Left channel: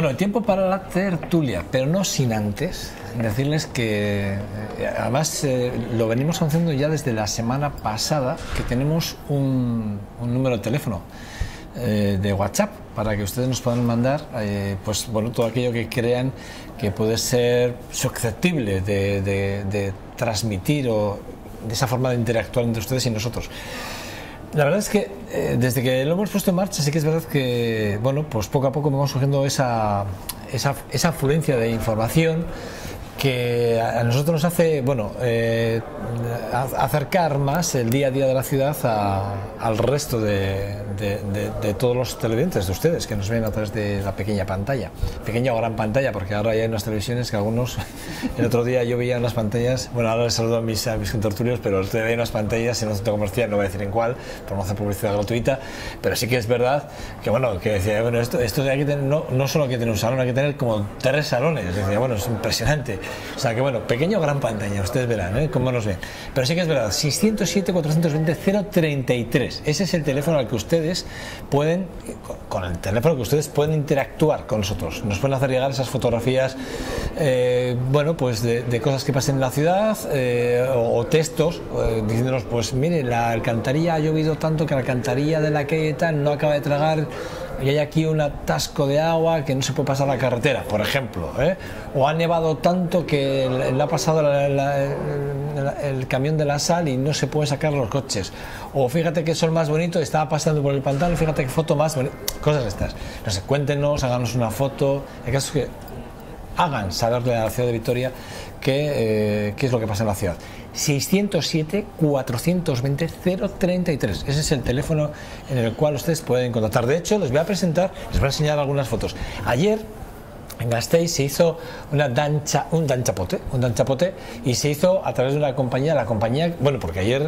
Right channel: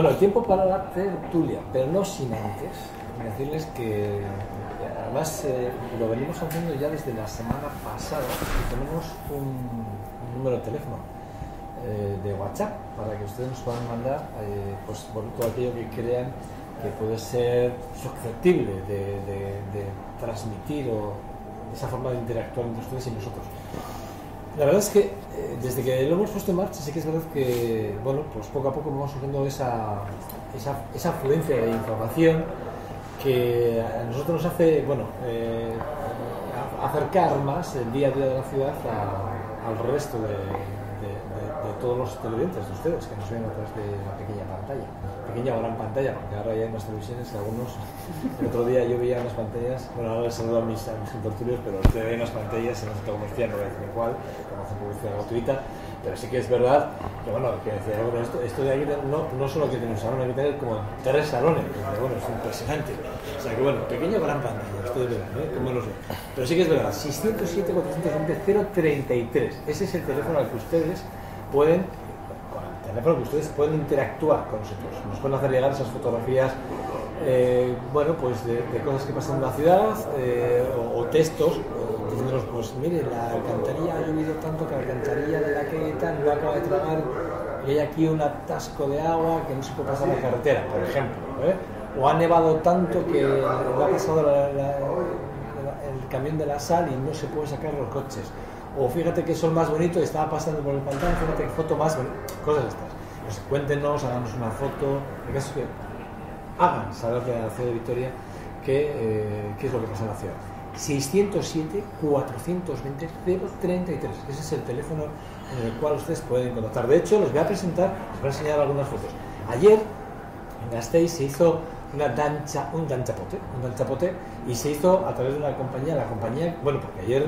Bueno, tiempo para la tertulia, pero no sin antes decirles que además lo venimos haciendo ya desde la semana pasada, que tenemos un número de teléfono de WhatsApp para que ustedes nos puedan mandar pues bueno, todo aquello que crean que puede ser susceptible de transmitir o de esa forma de interactuar entre ustedes y nosotros. La verdad es que desde que lo hemos puesto en marcha sí que es verdad que bueno, pues poco a poco vamos surgiendo esa afluencia de información que a nosotros nos hace bueno, acercar más el día a día de la ciudad al resto de todos los televidentes de ustedes que nos ven a través de la pequeña pantalla, pequeña o gran pantalla, porque ahora ya hay unas televisiones que algunos, el otro día yo veía unas pantallas, bueno, ahora les saludo a mis contertulios, pero el veía unas pantallas en un centro comercial, no voy a decir en cuál, por no hacer publicidad gratuita, pero sí que es verdad que bueno, que decía, bueno, esto de aquí no solo hay que tener un salón, hay que tener como 3 salones, decía, bueno, es impresionante, o sea que bueno, pequeña o gran pantalla, ustedes verán, cómo nos ven, pero sí que es verdad, 607-420-033, ese es el teléfono al que ustedes pueden, con el teléfono que ustedes pueden interactuar con nosotros, nos pueden hacer llegar esas fotografías bueno, pues de cosas que pasen en la ciudad o textos diciéndonos, pues mire, la alcantarilla ha llovido tanto que la alcantarilla de la calle tal no acaba de tragar y hay aquí un atasco de agua que no se puede pasar la carretera, por ejemplo, o ha nevado tanto que le ha pasado el camión de la sal y no se puede sacar los coches, o fíjate que sol más bonito, estaba pasando por el pantano y fíjate qué foto más bonita, cosas estas, no sé, cuéntenos, háganos una foto, el caso es que hagan saberle a la ciudad de Vitoria qué es lo que pasa en la ciudad. 607-420-033, ese es el teléfono en el cual ustedes pueden contactar. De hecho, les voy a presentar, les voy a enseñar algunas fotos. Ayer en Gasteiz se hizo un danchapote y se hizo a través de una compañía, bueno, porque ayer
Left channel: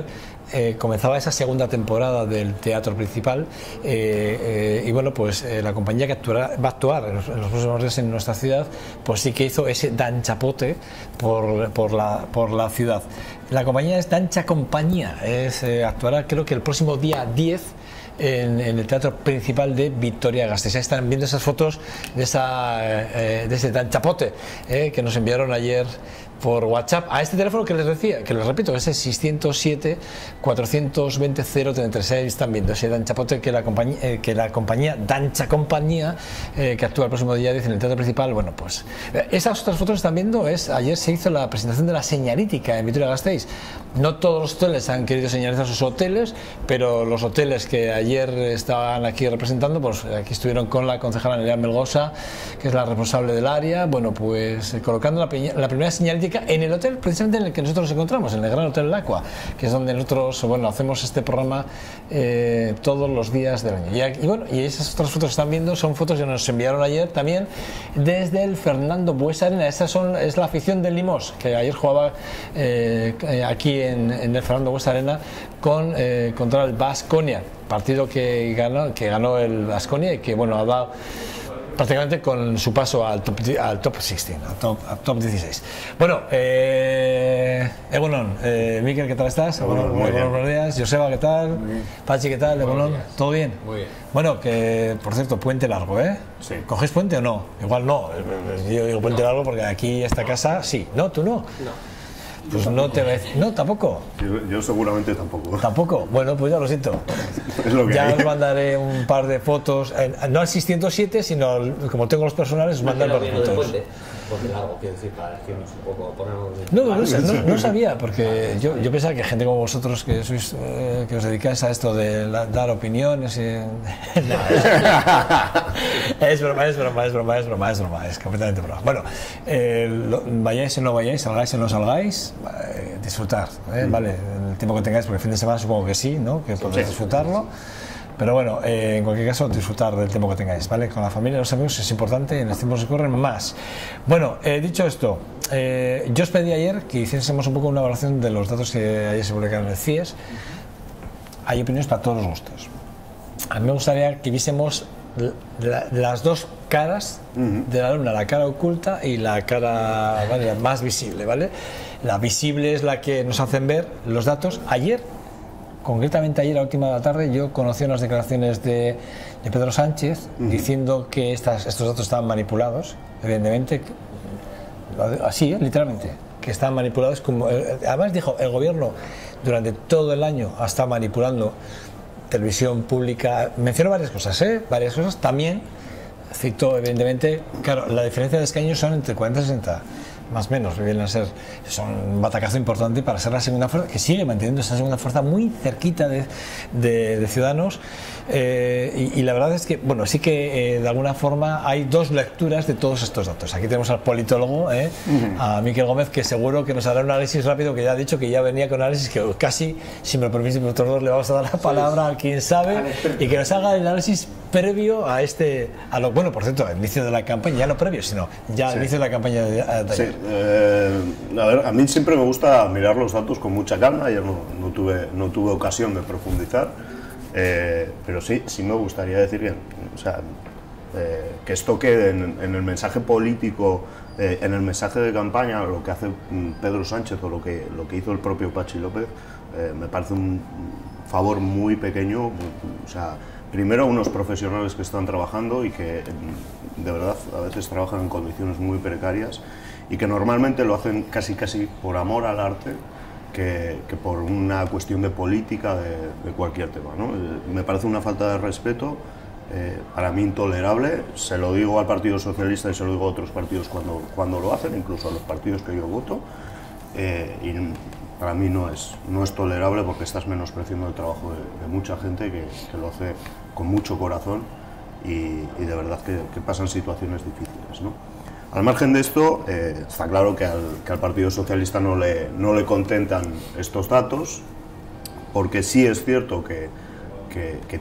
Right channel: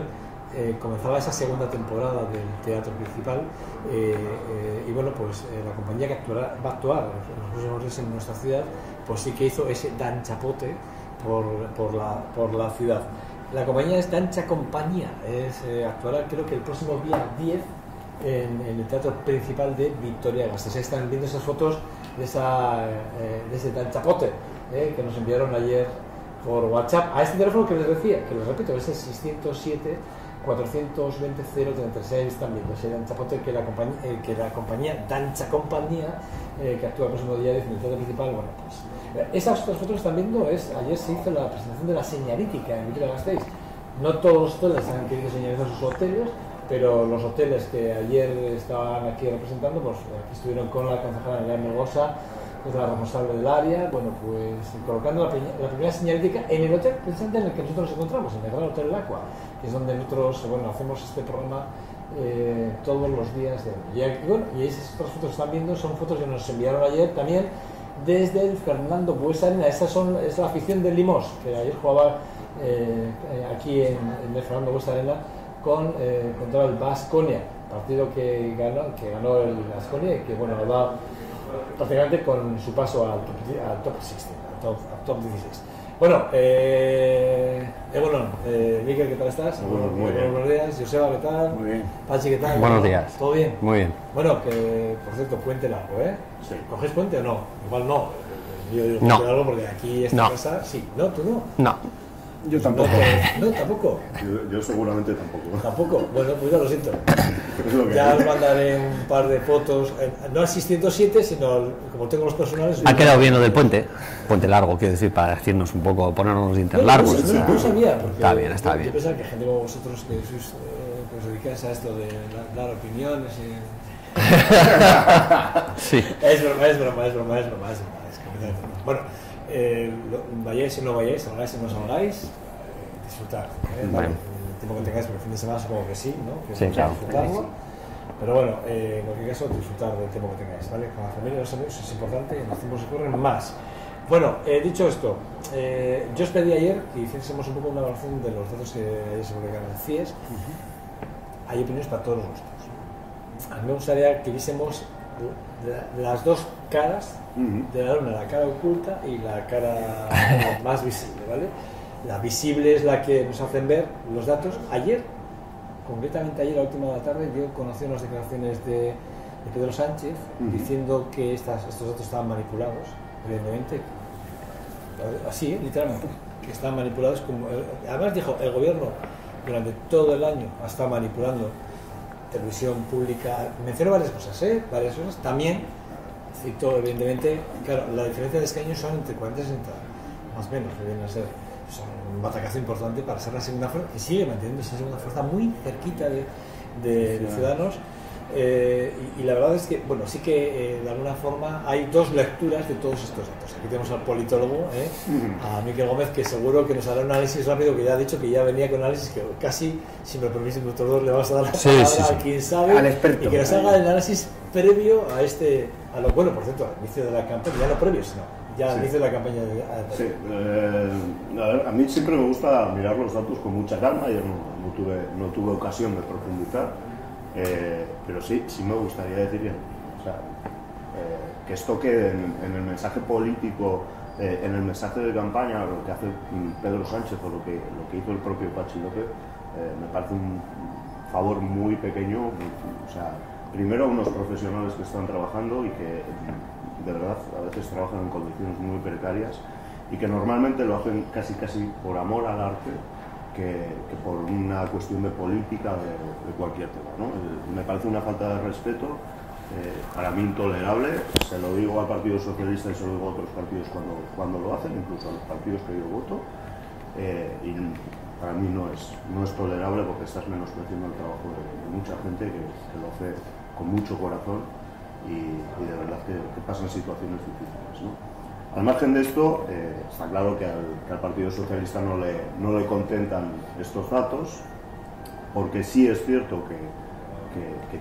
comenzaba esa segunda temporada del teatro principal y bueno, pues la compañía que va a actuar en los próximos días en nuestra ciudad, pues sí que hizo ese danchapote por la ciudad. La compañía es Dancha Compañía, actuará creo que el próximo día 10 en el teatro principal de Vitoria-Gasteiz. Están viendo esas fotos de ese danchapote que nos enviaron ayer por WhatsApp a este teléfono que les decía, que les repito, ese 607-420-033. Están viendo ese danchapote que la compañía Dancha Compañía que actúa el próximo día 10 en el teatro principal. Bueno, pues esas otras fotos que están viendo ayer se hizo la presentación de la señalítica en Vitoria-Gasteiz. No todos los hoteles han querido señalizar sus hoteles, pero los hoteles que ayer estaban aquí representando, pues aquí estuvieron con la concejala Nerea Melgosa, que es la responsable del área, bueno, pues colocando la primera señalítica en el hotel precisamente en el que nosotros nos encontramos, en el Gran Hotel Lacua, que es donde nosotros, bueno, hacemos este programa todos los días del año. Y bueno, y esas otras fotos que están viendo son fotos que nos enviaron ayer también desde el Fernando Buesa Arena. Esta es la afición del Limós, que ayer jugaba aquí en el Fernando Buesa Arena contra el Baskonia, partido que ganó el Baskonia y que bueno, ha dado prácticamente con su paso al top 16, al top 16. Bueno, Egunon, Mikel, ¿qué tal estás? Bueno, muy bien. Buenos días. Joseba, ¿qué tal? Muy bien. Pachi, ¿qué tal? Buenos días. ¿Todo bien? Muy bien. Bueno, que por cierto, puente largo, ¿eh? Sí. ¿Cogéis puente o no? Igual no. Yo digo puente No. largo porque aquí esta casa sí. ¿No? ¿Tú no? No. Pues no, tampoco. Yo seguramente tampoco. ¿Tampoco? Bueno, pues ya lo siento. Es lo que Ya hay. os mandaré un par de fotos, no al 607, sino como tengo los personales. Ha quedado bien lo del puente. Puente largo, quiero decir, para decirnos un poco, ponernos No, largos. no sabía, porque Está bien, está yo bien. pensaba que gente como vosotros que sois, que os dedicáis a esto de dar opiniones. Es broma, es completamente broma. Bueno, vayáis o no vayáis, salgáis o no salgáis, disfrutar, ¿vale? El tiempo que tengáis, porque el fin de semana supongo que sí, ¿no? Que Sí, podréis claro, disfrutarlo. Pero bueno, en cualquier caso, disfrutar del tiempo que tengáis, ¿vale? Con la familia y los amigos es importante y en los tiempos que corren más. Bueno, dicho esto, yo os pedí ayer que hiciésemos un poco una evaluación de los datos que ayer se publicaron en el CIES. Hay opiniones para todos los gustos. A mí me gustaría que viésemos las dos caras de la luna, la cara oculta y la cara más visible, ¿vale? La visible es la que nos hacen ver los datos. Ayer concretamente ayer a última de la tarde yo conocí unas declaraciones de Pedro Sánchez diciendo que estos datos estaban manipulados, evidentemente, así, literalmente, que estaban manipulados. Además dijo, el gobierno durante todo el año ha estado manipulando televisión pública, mencionó varias cosas, también citó, evidentemente, claro, la diferencia de escaños son entre 40 y 60, más o menos, vienen a ser, son un batacazo importante para ser la segunda fuerza, que sigue manteniendo esa segunda fuerza muy cerquita de Ciudadanos, y la verdad es que, bueno, sí que de alguna forma hay dos lecturas de todos estos datos. Aquí tenemos al politólogo, a Miquel Gómez, que seguro que nos hará un análisis rápido, que ya ha dicho que ya venía con análisis, que casi, si me lo permite, doctor Dos, le vamos a dar la palabra a quien sabe, y que nos haga el análisis previo a lo bueno, por cierto, al inicio de la campaña, ya no previo, sino ya al inicio de la campaña de ayer. Sí, a ver, a mí siempre me gusta mirar los datos con mucha calma. Yo no tuve ocasión de profundizar, pero sí me gustaría decir que, o sea, que esto quede en el mensaje político, en el mensaje de campaña, lo que hace Pedro Sánchez o lo que hizo el propio Patxi López, me parece un favor muy pequeño. O sea, primero, unos profesionales que están trabajando y que de verdad a veces trabajan en condiciones muy precarias y que normalmente lo hacen casi por amor al arte que por una cuestión de política de cualquier tema, ¿no? Me parece una falta de respeto, para mí intolerable. Se lo digo al Partido Socialista y se lo digo a otros partidos cuando lo hacen, incluso a los partidos que yo voto, y para mí no es tolerable, porque estás menospreciando el trabajo de mucha gente que lo hace con mucho corazón y de verdad que pasan situaciones difíciles, ¿no? Al margen de esto, está claro que al Partido Socialista no le contentan estos datos, porque sí es cierto que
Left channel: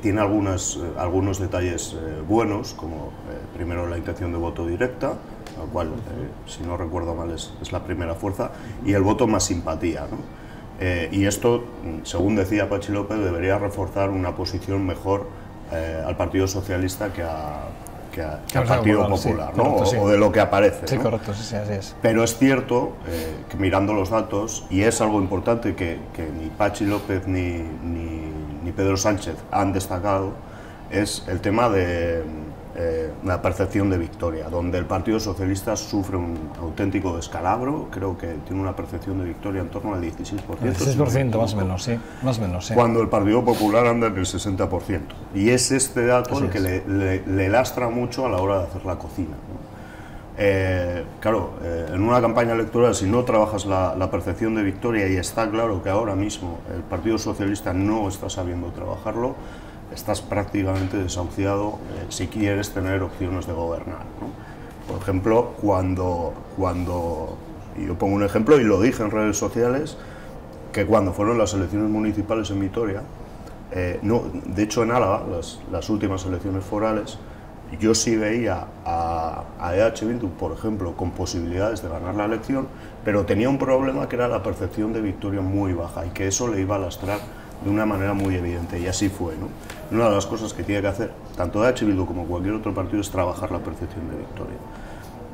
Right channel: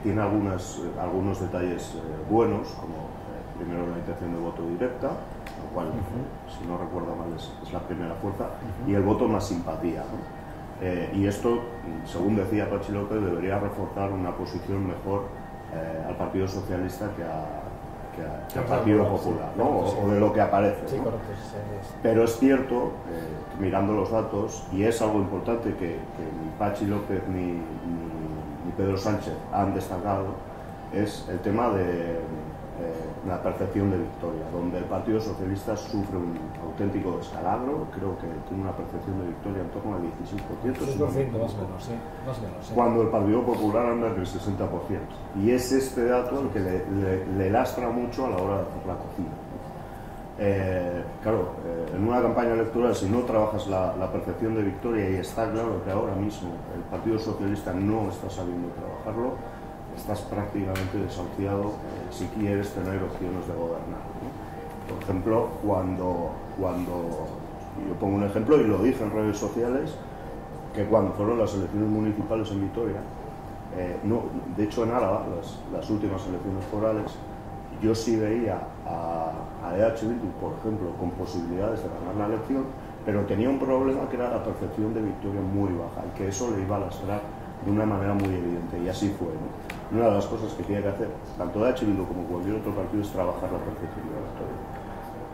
tiene algunos detalles buenos, como primero la intención de voto directa, lo cual, si no recuerdo mal, es la primera fuerza, y el voto más simpatía, ¿no? Y esto, según decía Patxi López, debería reforzar una posición mejor al Partido Socialista que al Partido Popular, ¿no? Correcto, sí. O de lo que aparece, Sí, ¿no? correcto, sí, así es. Pero es cierto que mirando los datos, y es algo importante que ni Patxi López ni Pedro Sánchez han destacado, es el tema de la percepción de victoria, donde el Partido Socialista sufre un auténtico descalabro. Creo que tiene una percepción de victoria en torno al 16%. 16% más o menos, sí. Más o menos, sí. Cuando el Partido Popular anda en el 60%. Y es este dato el que le lastra mucho a la hora de hacer la cocina, ¿no? Claro, en una campaña electoral, si no trabajas la percepción de victoria, y está claro que ahora mismo el Partido Socialista no está sabiendo trabajarlo, estás prácticamente desahuciado si quieres tener opciones de gobernar, ¿no? Por ejemplo, cuando yo pongo un ejemplo y lo dije en redes sociales, que cuando fueron las elecciones municipales en Vitoria, de hecho en Álava, las últimas elecciones forales, yo sí veía a EH Bildu, por ejemplo, con posibilidades de ganar la elección, pero tenía un problema, que era la percepción de victoria muy baja, y que eso le iba a lastrar de una manera muy evidente, y así fue, ¿no? Una de las cosas que tiene que hacer tanto EH Bildu como cualquier otro partido es trabajar la percepción de victoria.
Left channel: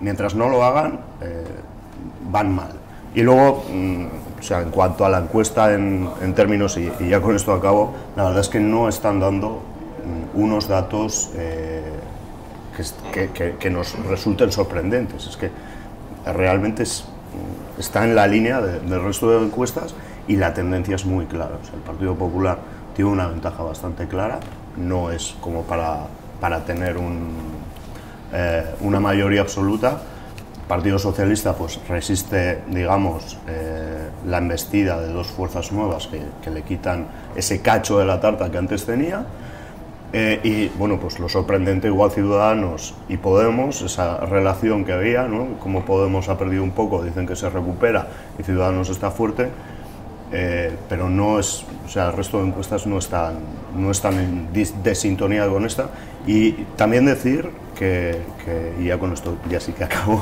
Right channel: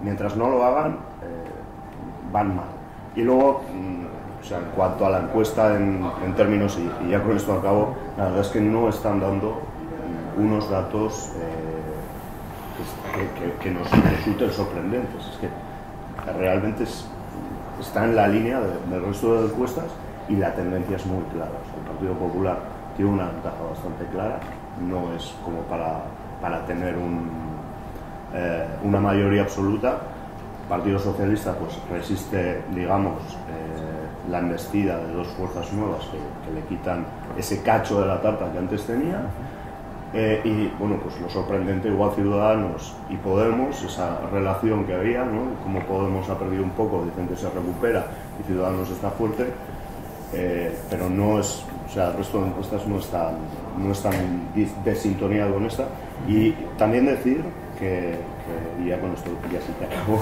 Mientras no lo hagan, van mal. Y luego, o sea, en cuanto a la encuesta en términos, y ya con esto acabo, la verdad es que no están dando unos datos que nos resulten sorprendentes. Es que realmente está en la línea del resto de encuestas, y la tendencia es muy clara. O sea, el Partido Popular tiene una ventaja bastante clara, no es como para tener una mayoría absoluta. El Partido Socialista pues resiste, digamos, la embestida de dos fuerzas nuevas que le quitan ese cacho de la tarta que antes tenía. Y bueno, pues lo sorprendente, igual Ciudadanos y Podemos, esa relación que había, ¿no? Como Podemos ha perdido un poco, dicen que se recupera, y Ciudadanos está fuerte, pero no es, o sea, el resto de encuestas no están en desintonía con esta. Y también decir que y ya con esto ya sí que acabo,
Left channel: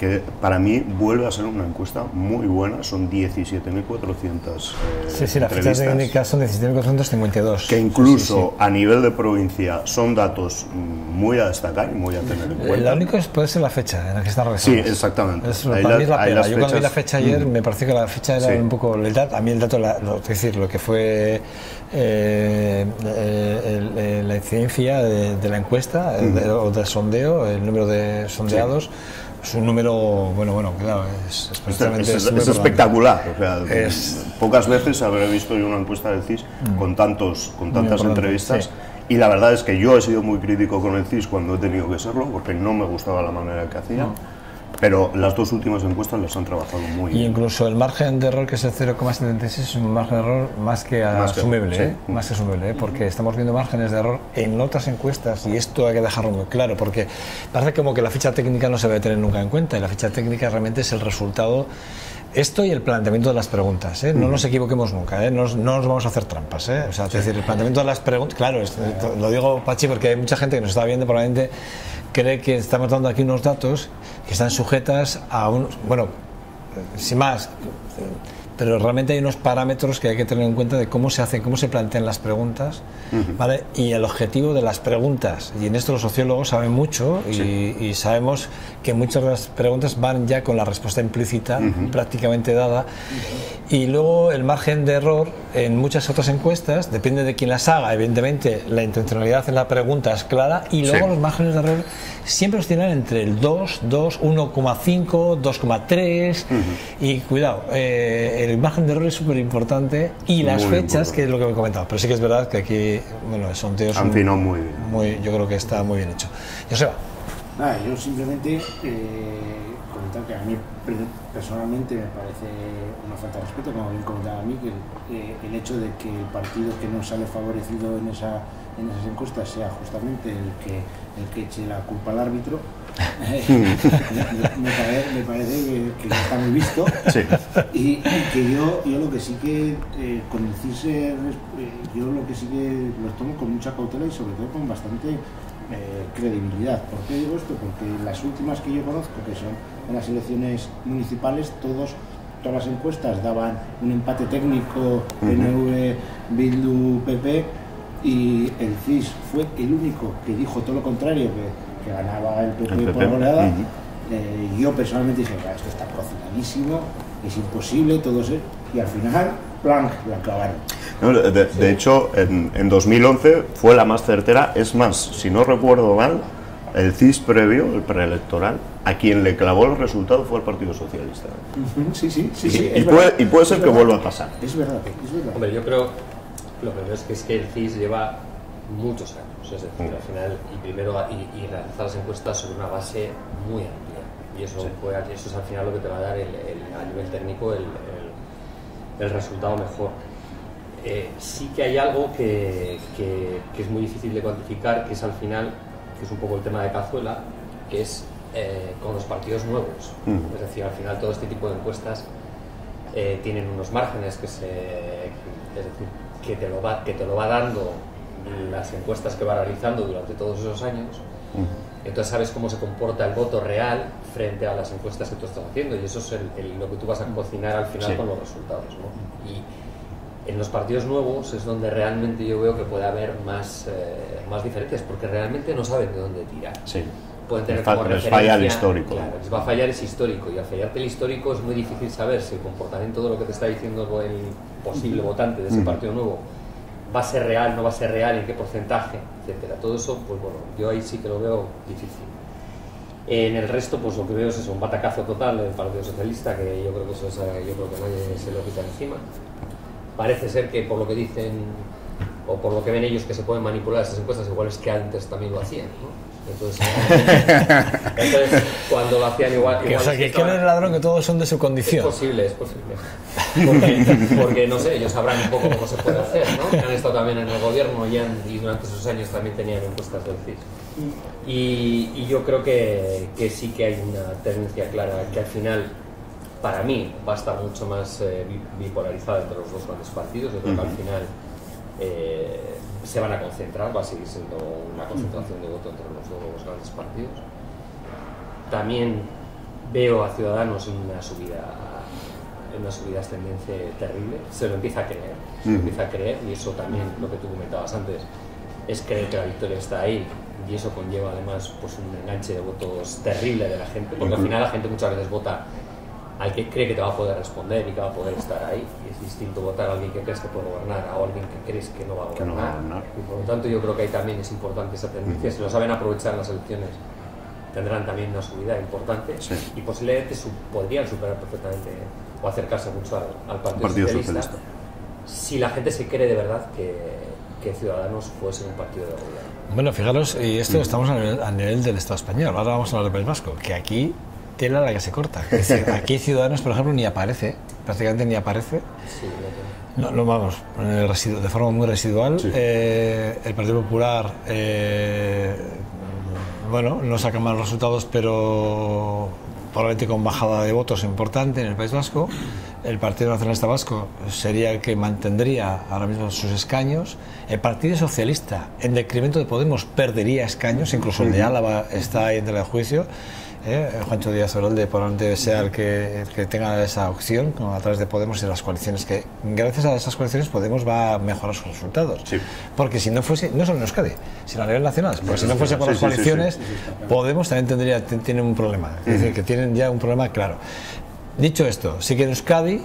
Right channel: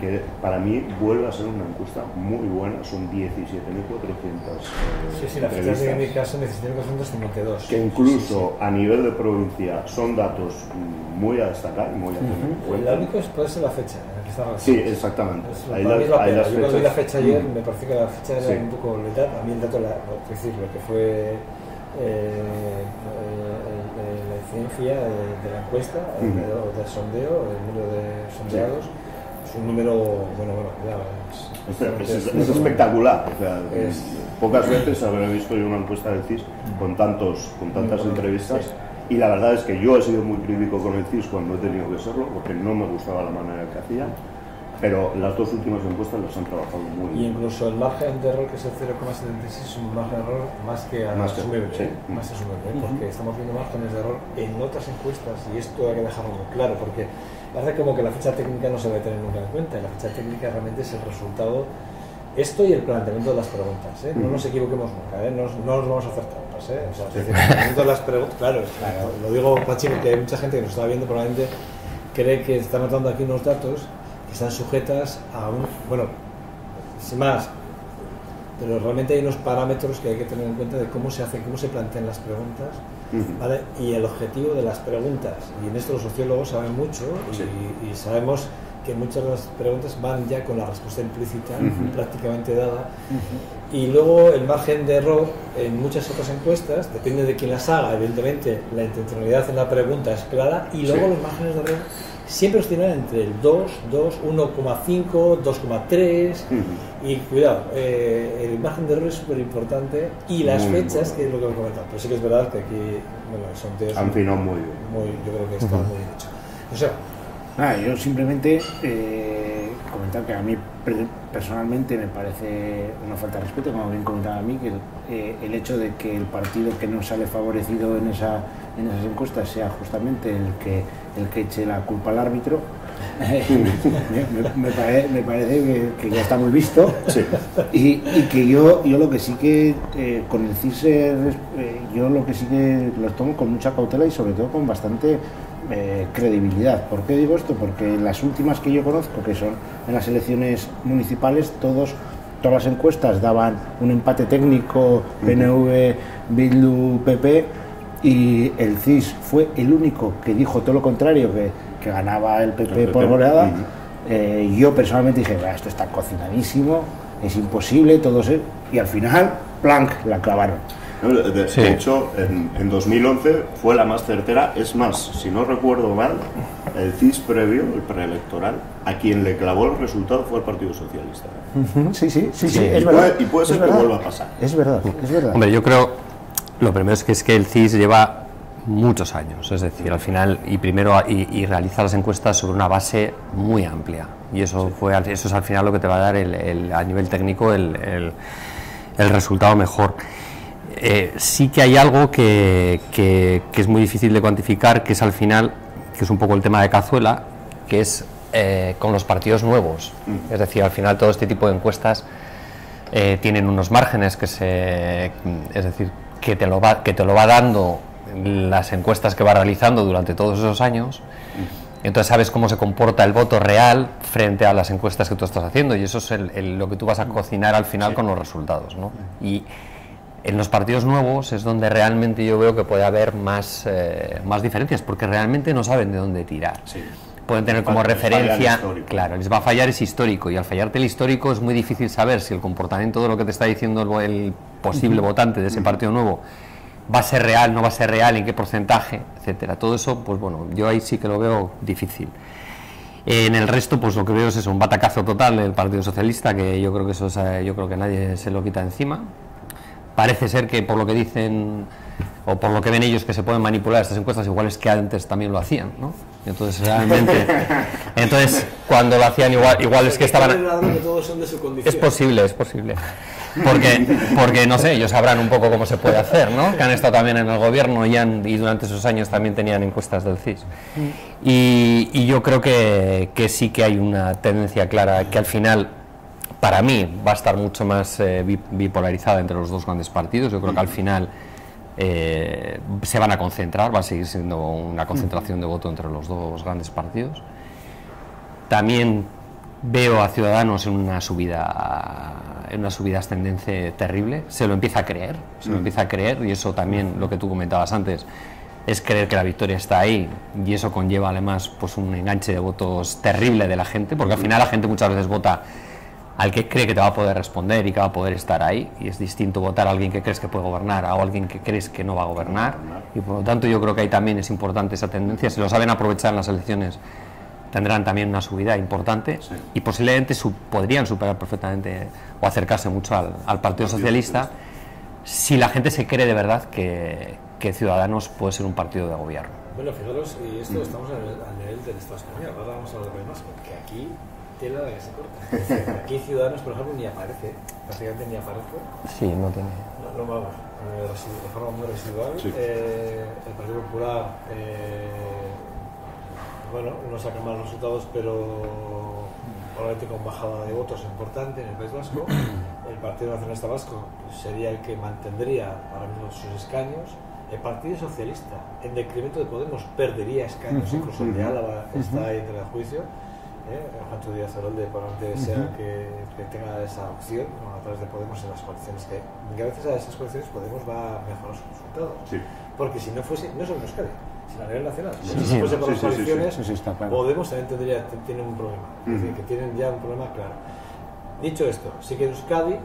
que para mí vuelve a ser una encuesta muy buena, son 17.400 sí, las fichas técnicas son 17.452. Que incluso a nivel de provincia son datos muy a destacar y muy a tener en cuenta. Lo único puede ser la fecha en la que están realizados. Sí, yo cuando vi la fecha ayer me pareció que la fecha era un poco... A mí el dato, es decir, lo que fue la incidencia de la encuesta o del sondeo, el número de sondeados, es un número, claro, es espectacular. O sea, pocas veces habré visto yo una encuesta del CIS con tantas entrevistas, y la verdad es que yo he sido muy crítico con el CIS cuando he tenido que serlo, porque no me gustaba la manera que hacía. Pero las dos últimas encuestas las han trabajado muy bien. Y incluso el margen de error, que es el 0,76, es un margen de error más que asumible, porque estamos viendo márgenes de error en otras encuestas, y esto hay que dejarlo muy claro, porque parece como que la ficha técnica no se debe tener nunca en cuenta, y la ficha técnica realmente es el resultado. Esto y el planteamiento de las preguntas, no nos equivoquemos nunca, no nos vamos a hacer trampas, o sea, es decir, el planteamiento de las preguntas, claro, lo digo, Pachi, porque hay mucha gente que nos está viendo, probablemente cree que estamos dando aquí unos datos que están sujetas a sin más, pero realmente hay unos parámetros que hay que tener en cuenta de cómo se plantean las preguntas, ¿vale? Y el objetivo de las preguntas, y en esto los sociólogos saben mucho, y sabemos que muchas de las preguntas van ya con la respuesta implícita prácticamente dada, y luego el margen de error en muchas otras encuestas depende de quién las haga. Evidentemente la intencionalidad en la pregunta es clara, y luego los márgenes de error siempre oscilan entre el 2, 1,5, 2,3, y cuidado, el margen de error es súper importante, y las fechas, que es lo que he comentado, pero sí que es verdad que aquí, el sondeo han finado muy bien. Yo creo que está muy bien hecho. Joseba. Yo simplemente comentar que a mí personalmente me parece una falta de respeto, como bien comentaba a mí, que el hecho de que el partido que no sale favorecido en esas encuestas sea justamente el que eche la culpa al árbitro, me parece que ya está muy visto, y que yo lo que sí que con el CIS yo lo que sí que los tomo con mucha cautela y sobre todo con bastante credibilidad. ¿Por qué digo esto? Porque las últimas que yo conozco, que son en las elecciones municipales, todas las encuestas daban un empate técnico, PNV, Bildu, PP, y el CIS fue el único que dijo todo lo contrario, que ganaba el PP por goleada. Yo personalmente dije, esto está cocinadísimo, es imposible, todo eso, y al final, ¡plank!, la clavaron. De hecho, en 2011 fue la más certera. Es más, si no recuerdo mal, el CIS previo, el preelectoral, a quien le clavó el resultado fue el Partido Socialista. Sí. Y puede ser que vuelva a pasar. Es verdad. Hombre, yo creo, lo primero es que el CIS lleva muchos años, es decir, al final, y realiza las encuestas sobre una base muy amplia, y eso es al final lo que te va a dar a nivel técnico el resultado mejor. Sí que hay algo que es muy difícil de cuantificar, que es al final, que es un poco el tema de Cazuela, que es con los partidos nuevos. Es decir, al final todo este tipo de encuestas tienen unos márgenes es decir, que te lo va dando las encuestas que va realizando durante todos esos años. Entonces sabes cómo se comporta el voto real frente a las encuestas que tú estás haciendo, y eso es lo que tú vas a cocinar al final con los resultados, ¿no? Y en los partidos nuevos es donde realmente yo veo que puede haber más diferencias, porque realmente no saben de dónde tirar. Pueden tener como referencia, claro, les va a fallar ese histórico, y al fallarte el histórico es muy difícil saber si el comportamiento de lo que te está diciendo el posible votante de ese partido nuevo va a ser real, no va a ser real, en qué porcentaje, etcétera. Todo eso, pues bueno, yo ahí sí que lo veo difícil. En el resto, pues lo que veo es eso, un batacazo total del Partido Socialista, que yo creo que yo creo que nadie se lo quita encima. Parece ser que por lo que dicen, o por lo que ven ellos, que se pueden manipular estas encuestas, igual es que antes también lo hacían, ¿no? Entonces cuando lo hacían igual es que estaban... el ladrón, que todos son de su condición. Es posible. Porque no sé, ellos sabrán un poco cómo se puede hacer, ¿no? Que han estado también en el gobierno y durante esos años también tenían encuestas del CIS. Y yo creo que sí que hay una tendencia clara, que al final, para mí, va a estar mucho más bipolarizada entre los dos grandes partidos. Yo creo que al final se van a concentrar, va a seguir siendo una concentración de voto entre los dos grandes partidos. También veo a Ciudadanos en una subida ascendente terrible. Se lo empieza a creer, y eso también, lo que tú comentabas antes, es creer que la victoria está ahí, y eso conlleva además pues un enganche de votos terrible de la gente, porque al final la gente muchas veces vota al que cree que te va a poder responder y que va a poder estar ahí, y es distinto votar a alguien que crees que puede gobernar a alguien que crees que no va a gobernar, y por lo tanto yo creo que ahí también es importante esa tendencia. Si lo saben aprovechar en las elecciones, tendrán también una subida importante, y posiblemente podrían superar perfectamente o acercarse mucho al Partido Socialista si la gente se cree de verdad que Ciudadanos puede ser un partido de gobierno. Bueno, fijaros, y esto estamos a nivel del Estado español, ahora vamos a hablar del País Vasco, que aquí tela la que se corta. Es decir, aquí Ciudadanos, por ejemplo, ni aparece, prácticamente ni aparece. Sí, no tenía. No vamos, de forma muy residual. El Partido Popular, bueno, no saca malos resultados, pero probablemente con bajada de votos importante en el País Vasco. El Partido Nacionalista Vasco sería el que mantendría ahora mismo sus escaños. El Partido Socialista, en decremento de Podemos, perdería escaños, incluso el de Álava está ahí en tela de juicio. Juancho Díaz Orolde probablemente desea el que tenga esa opción a través de Podemos y las coaliciones, que gracias a esas coaliciones Podemos va a mejorar sus resultados, porque si no fuese, no solo en Euskadi, sino a nivel nacional, porque si no fuese por las coaliciones, Podemos también tiene un problema, es decir, que tienen ya un problema claro. Dicho esto, sí que en Euskadi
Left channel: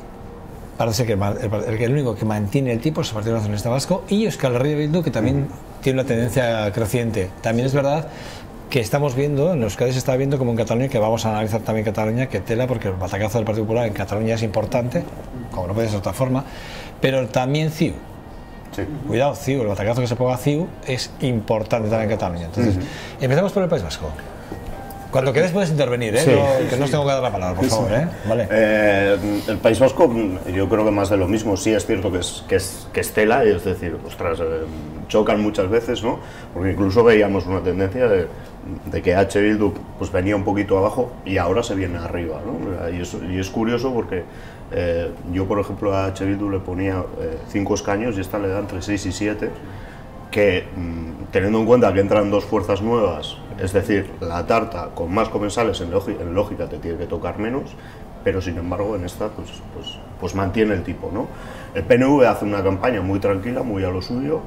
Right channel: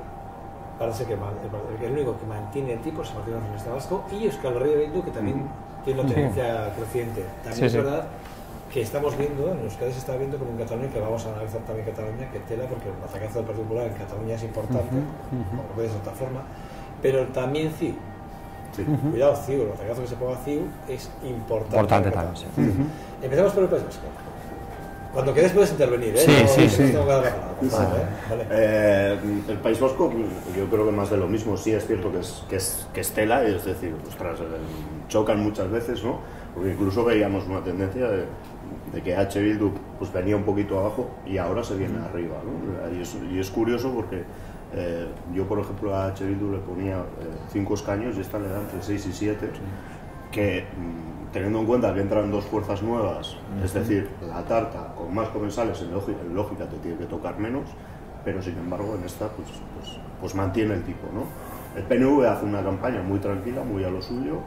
parece que el único que mantiene el tipo es el Partido Nacionalista Vasco, y Euskal Herria Bildu, que también tiene una tendencia creciente. También es verdad que estamos viendo, en Euskadi se está viendo como en Cataluña, que vamos a analizar también Cataluña, que tela, porque el batacazo del Partido Popular en Cataluña es importante, como no puede ser de otra forma, pero también CiU. Cuidado, CiU, el batacazo que se ponga CiU es importante en Cataluña. Entonces, empezamos por el País Vasco. Cuando quedes puedes intervenir, que no os tengo que dar la palabra, por favor. Vale. El País Vasco, yo creo que más de lo mismo. Sí es cierto que es tela, es decir, ostras, chocan muchas veces, ¿no? Porque incluso veíamos una tendencia de que H. Bildu pues venía un poquito abajo y ahora se viene arriba, ¿no? Y es curioso porque yo, por ejemplo, a H. Bildu le ponía 5 escaños y esta le da entre 6 y 7, que teniendo en cuenta que entran 2 fuerzas nuevas, es decir, la tarta con más comensales en lógica te tiene que tocar menos, pero sin embargo en esta pues mantiene el tipo, ¿no? El PNV hace una campaña muy tranquila, muy a lo suyo.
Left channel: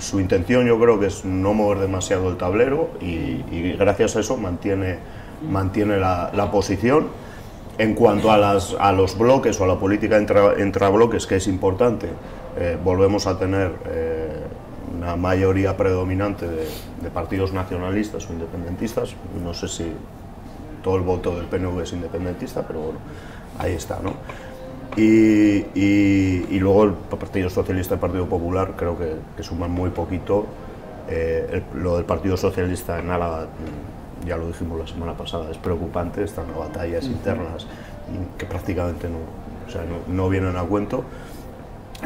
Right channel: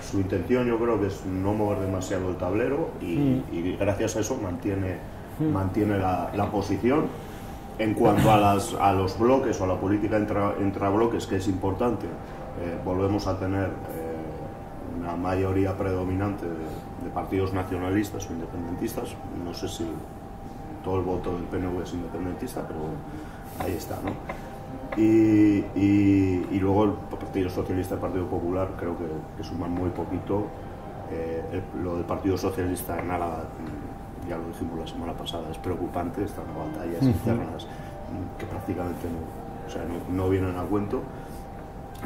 Su intención yo creo que es no mover demasiado el tablero y gracias a eso mantiene la posición. En cuanto a los bloques o a la política entre bloques, que es importante, volvemos a tener una mayoría predominante de partidos nacionalistas o independentistas. No sé si todo el voto del PNV es independentista, pero bueno, ahí está, ¿no? Y luego el Partido Socialista y el Partido Popular creo que suman muy poquito. Lo del Partido Socialista en Álava, ya lo dijimos la semana pasada, es preocupante, están a batallas internas que prácticamente no vienen a cuento.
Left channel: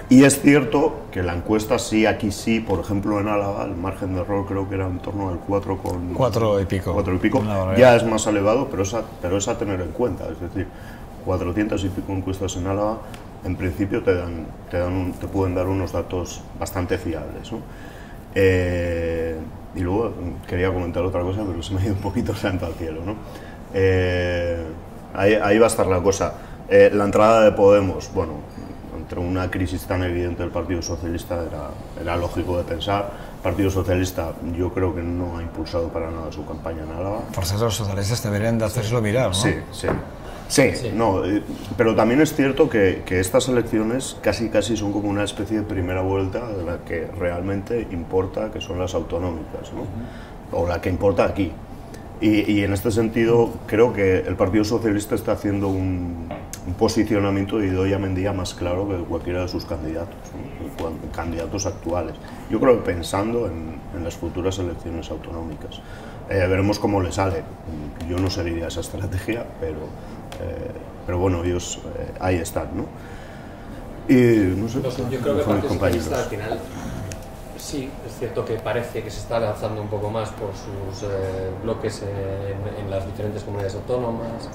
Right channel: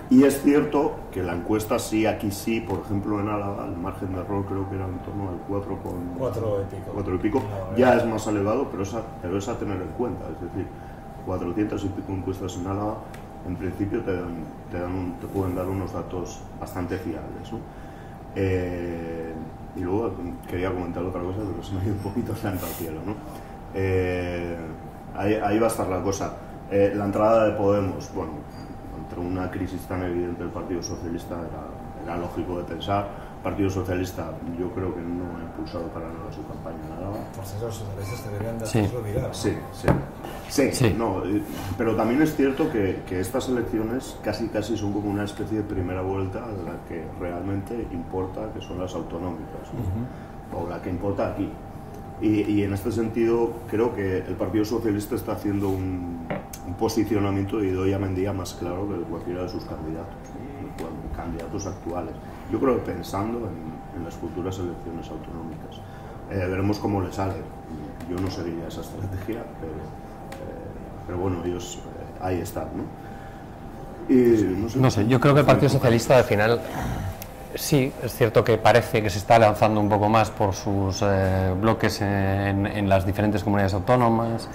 Y es cierto que la encuesta aquí sí, por ejemplo en Álava, el margen de error creo que era en torno al 4 y pico, ya es más elevado, pero es a tener en cuenta, es decir, 400 y pico encuestas en Álava, en principio te pueden dar unos datos bastante fiables, ¿no? Y luego quería comentar otra cosa, pero se me ha ido un poquito santa al cielo, ¿no? Ahí va a estar la cosa. La entrada de Podemos, bueno, entre una crisis tan evidente del Partido Socialista era lógico de pensar. El Partido Socialista yo creo que no ha impulsado para nada su campaña en Álava. Por eso los socialistas deberían de hacerlo mirar, ¿no? Sí. No, pero también es cierto que estas elecciones casi son como una especie de primera vuelta de la que realmente importa, que son las autonómicas, ¿no? O la que importa aquí. Y en este sentido creo que el Partido Socialista está haciendo un posicionamiento de Idoia Mendia más claro que cualquiera de sus candidatos, ¿no? Candidatos actuales. Yo creo que pensando en las futuras elecciones autonómicas. Veremos cómo le sale. Yo no seguiría esa estrategia, pero bueno, ellos ahí están, ¿no? Y, no sé, yo creo que el Partido Socialista al final sí, es cierto que parece que se está lanzando un poco más por sus bloques en las diferentes comunidades autónomas,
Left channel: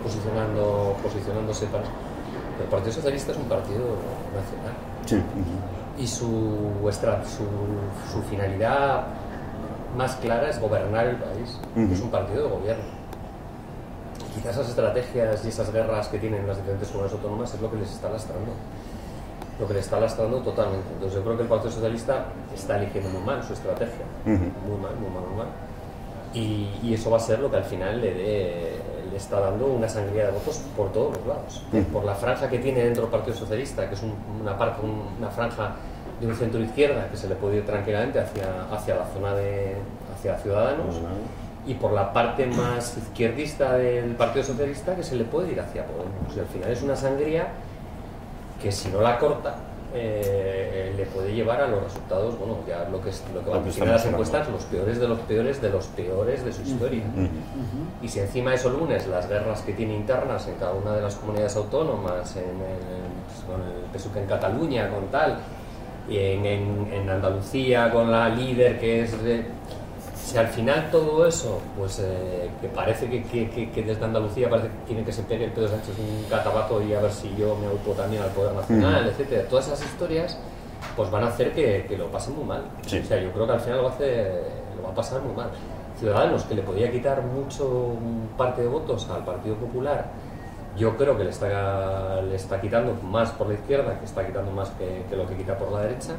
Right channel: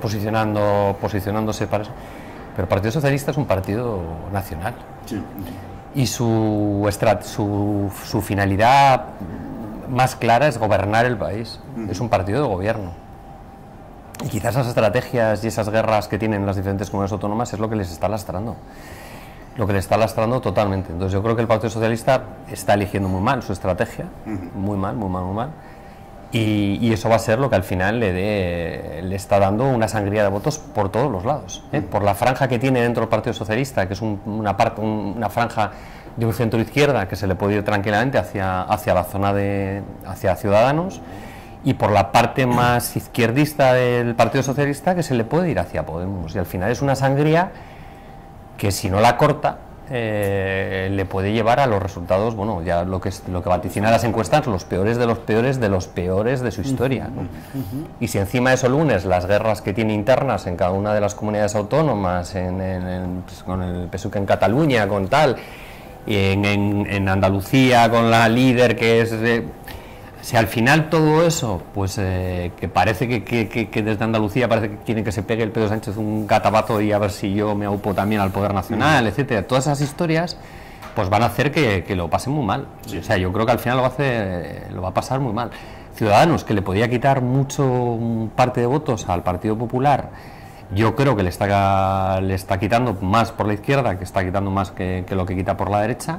posicionándose para eso. Pero el Partido Socialista es un partido nacional. Sí. Y su finalidad más clara es gobernar el país. Es un partido de gobierno. Y quizás esas estrategias y esas guerras que tienen las diferentes comunidades autónomas es lo que les está lastrando. Lo que les está lastrando totalmente. Entonces yo creo que el Partido Socialista está eligiendo muy mal su estrategia, muy mal. Y eso va a ser lo que al final le está dando una sangría de votos por todos los lados. Por la franja que tiene dentro del Partido Socialista, que es una franja de un centro-izquierda que se le puede ir tranquilamente hacia la zona hacia Ciudadanos, y por la parte más izquierdista del Partido Socialista que se le puede ir hacia Podemos. Y al final es una sangría que si no la corta le puede llevar a los resultados, bueno, ya lo que vaticina las encuestas, los peores de los peores de su historia, ¿no? Y si encima de eso lunes las guerras que tiene internas en cada una de las comunidades autónomas, pues, con el PSUC en Cataluña, con tal, y en Andalucía con la líder que es... si al final todo eso, pues que parece que desde Andalucía parece que quiere que se pegue el Pedro Sánchez un catabazo y a ver si yo me aupo también al Poder Nacional, etcétera, todas esas historias pues van a hacer que lo pase muy mal. O sea, yo creo que al final lo va a pasar muy mal. Ciudadanos, que le podía quitar mucho parte de votos al Partido Popular, yo creo que le está quitando más por la izquierda, que está quitando más que lo que quita por la derecha.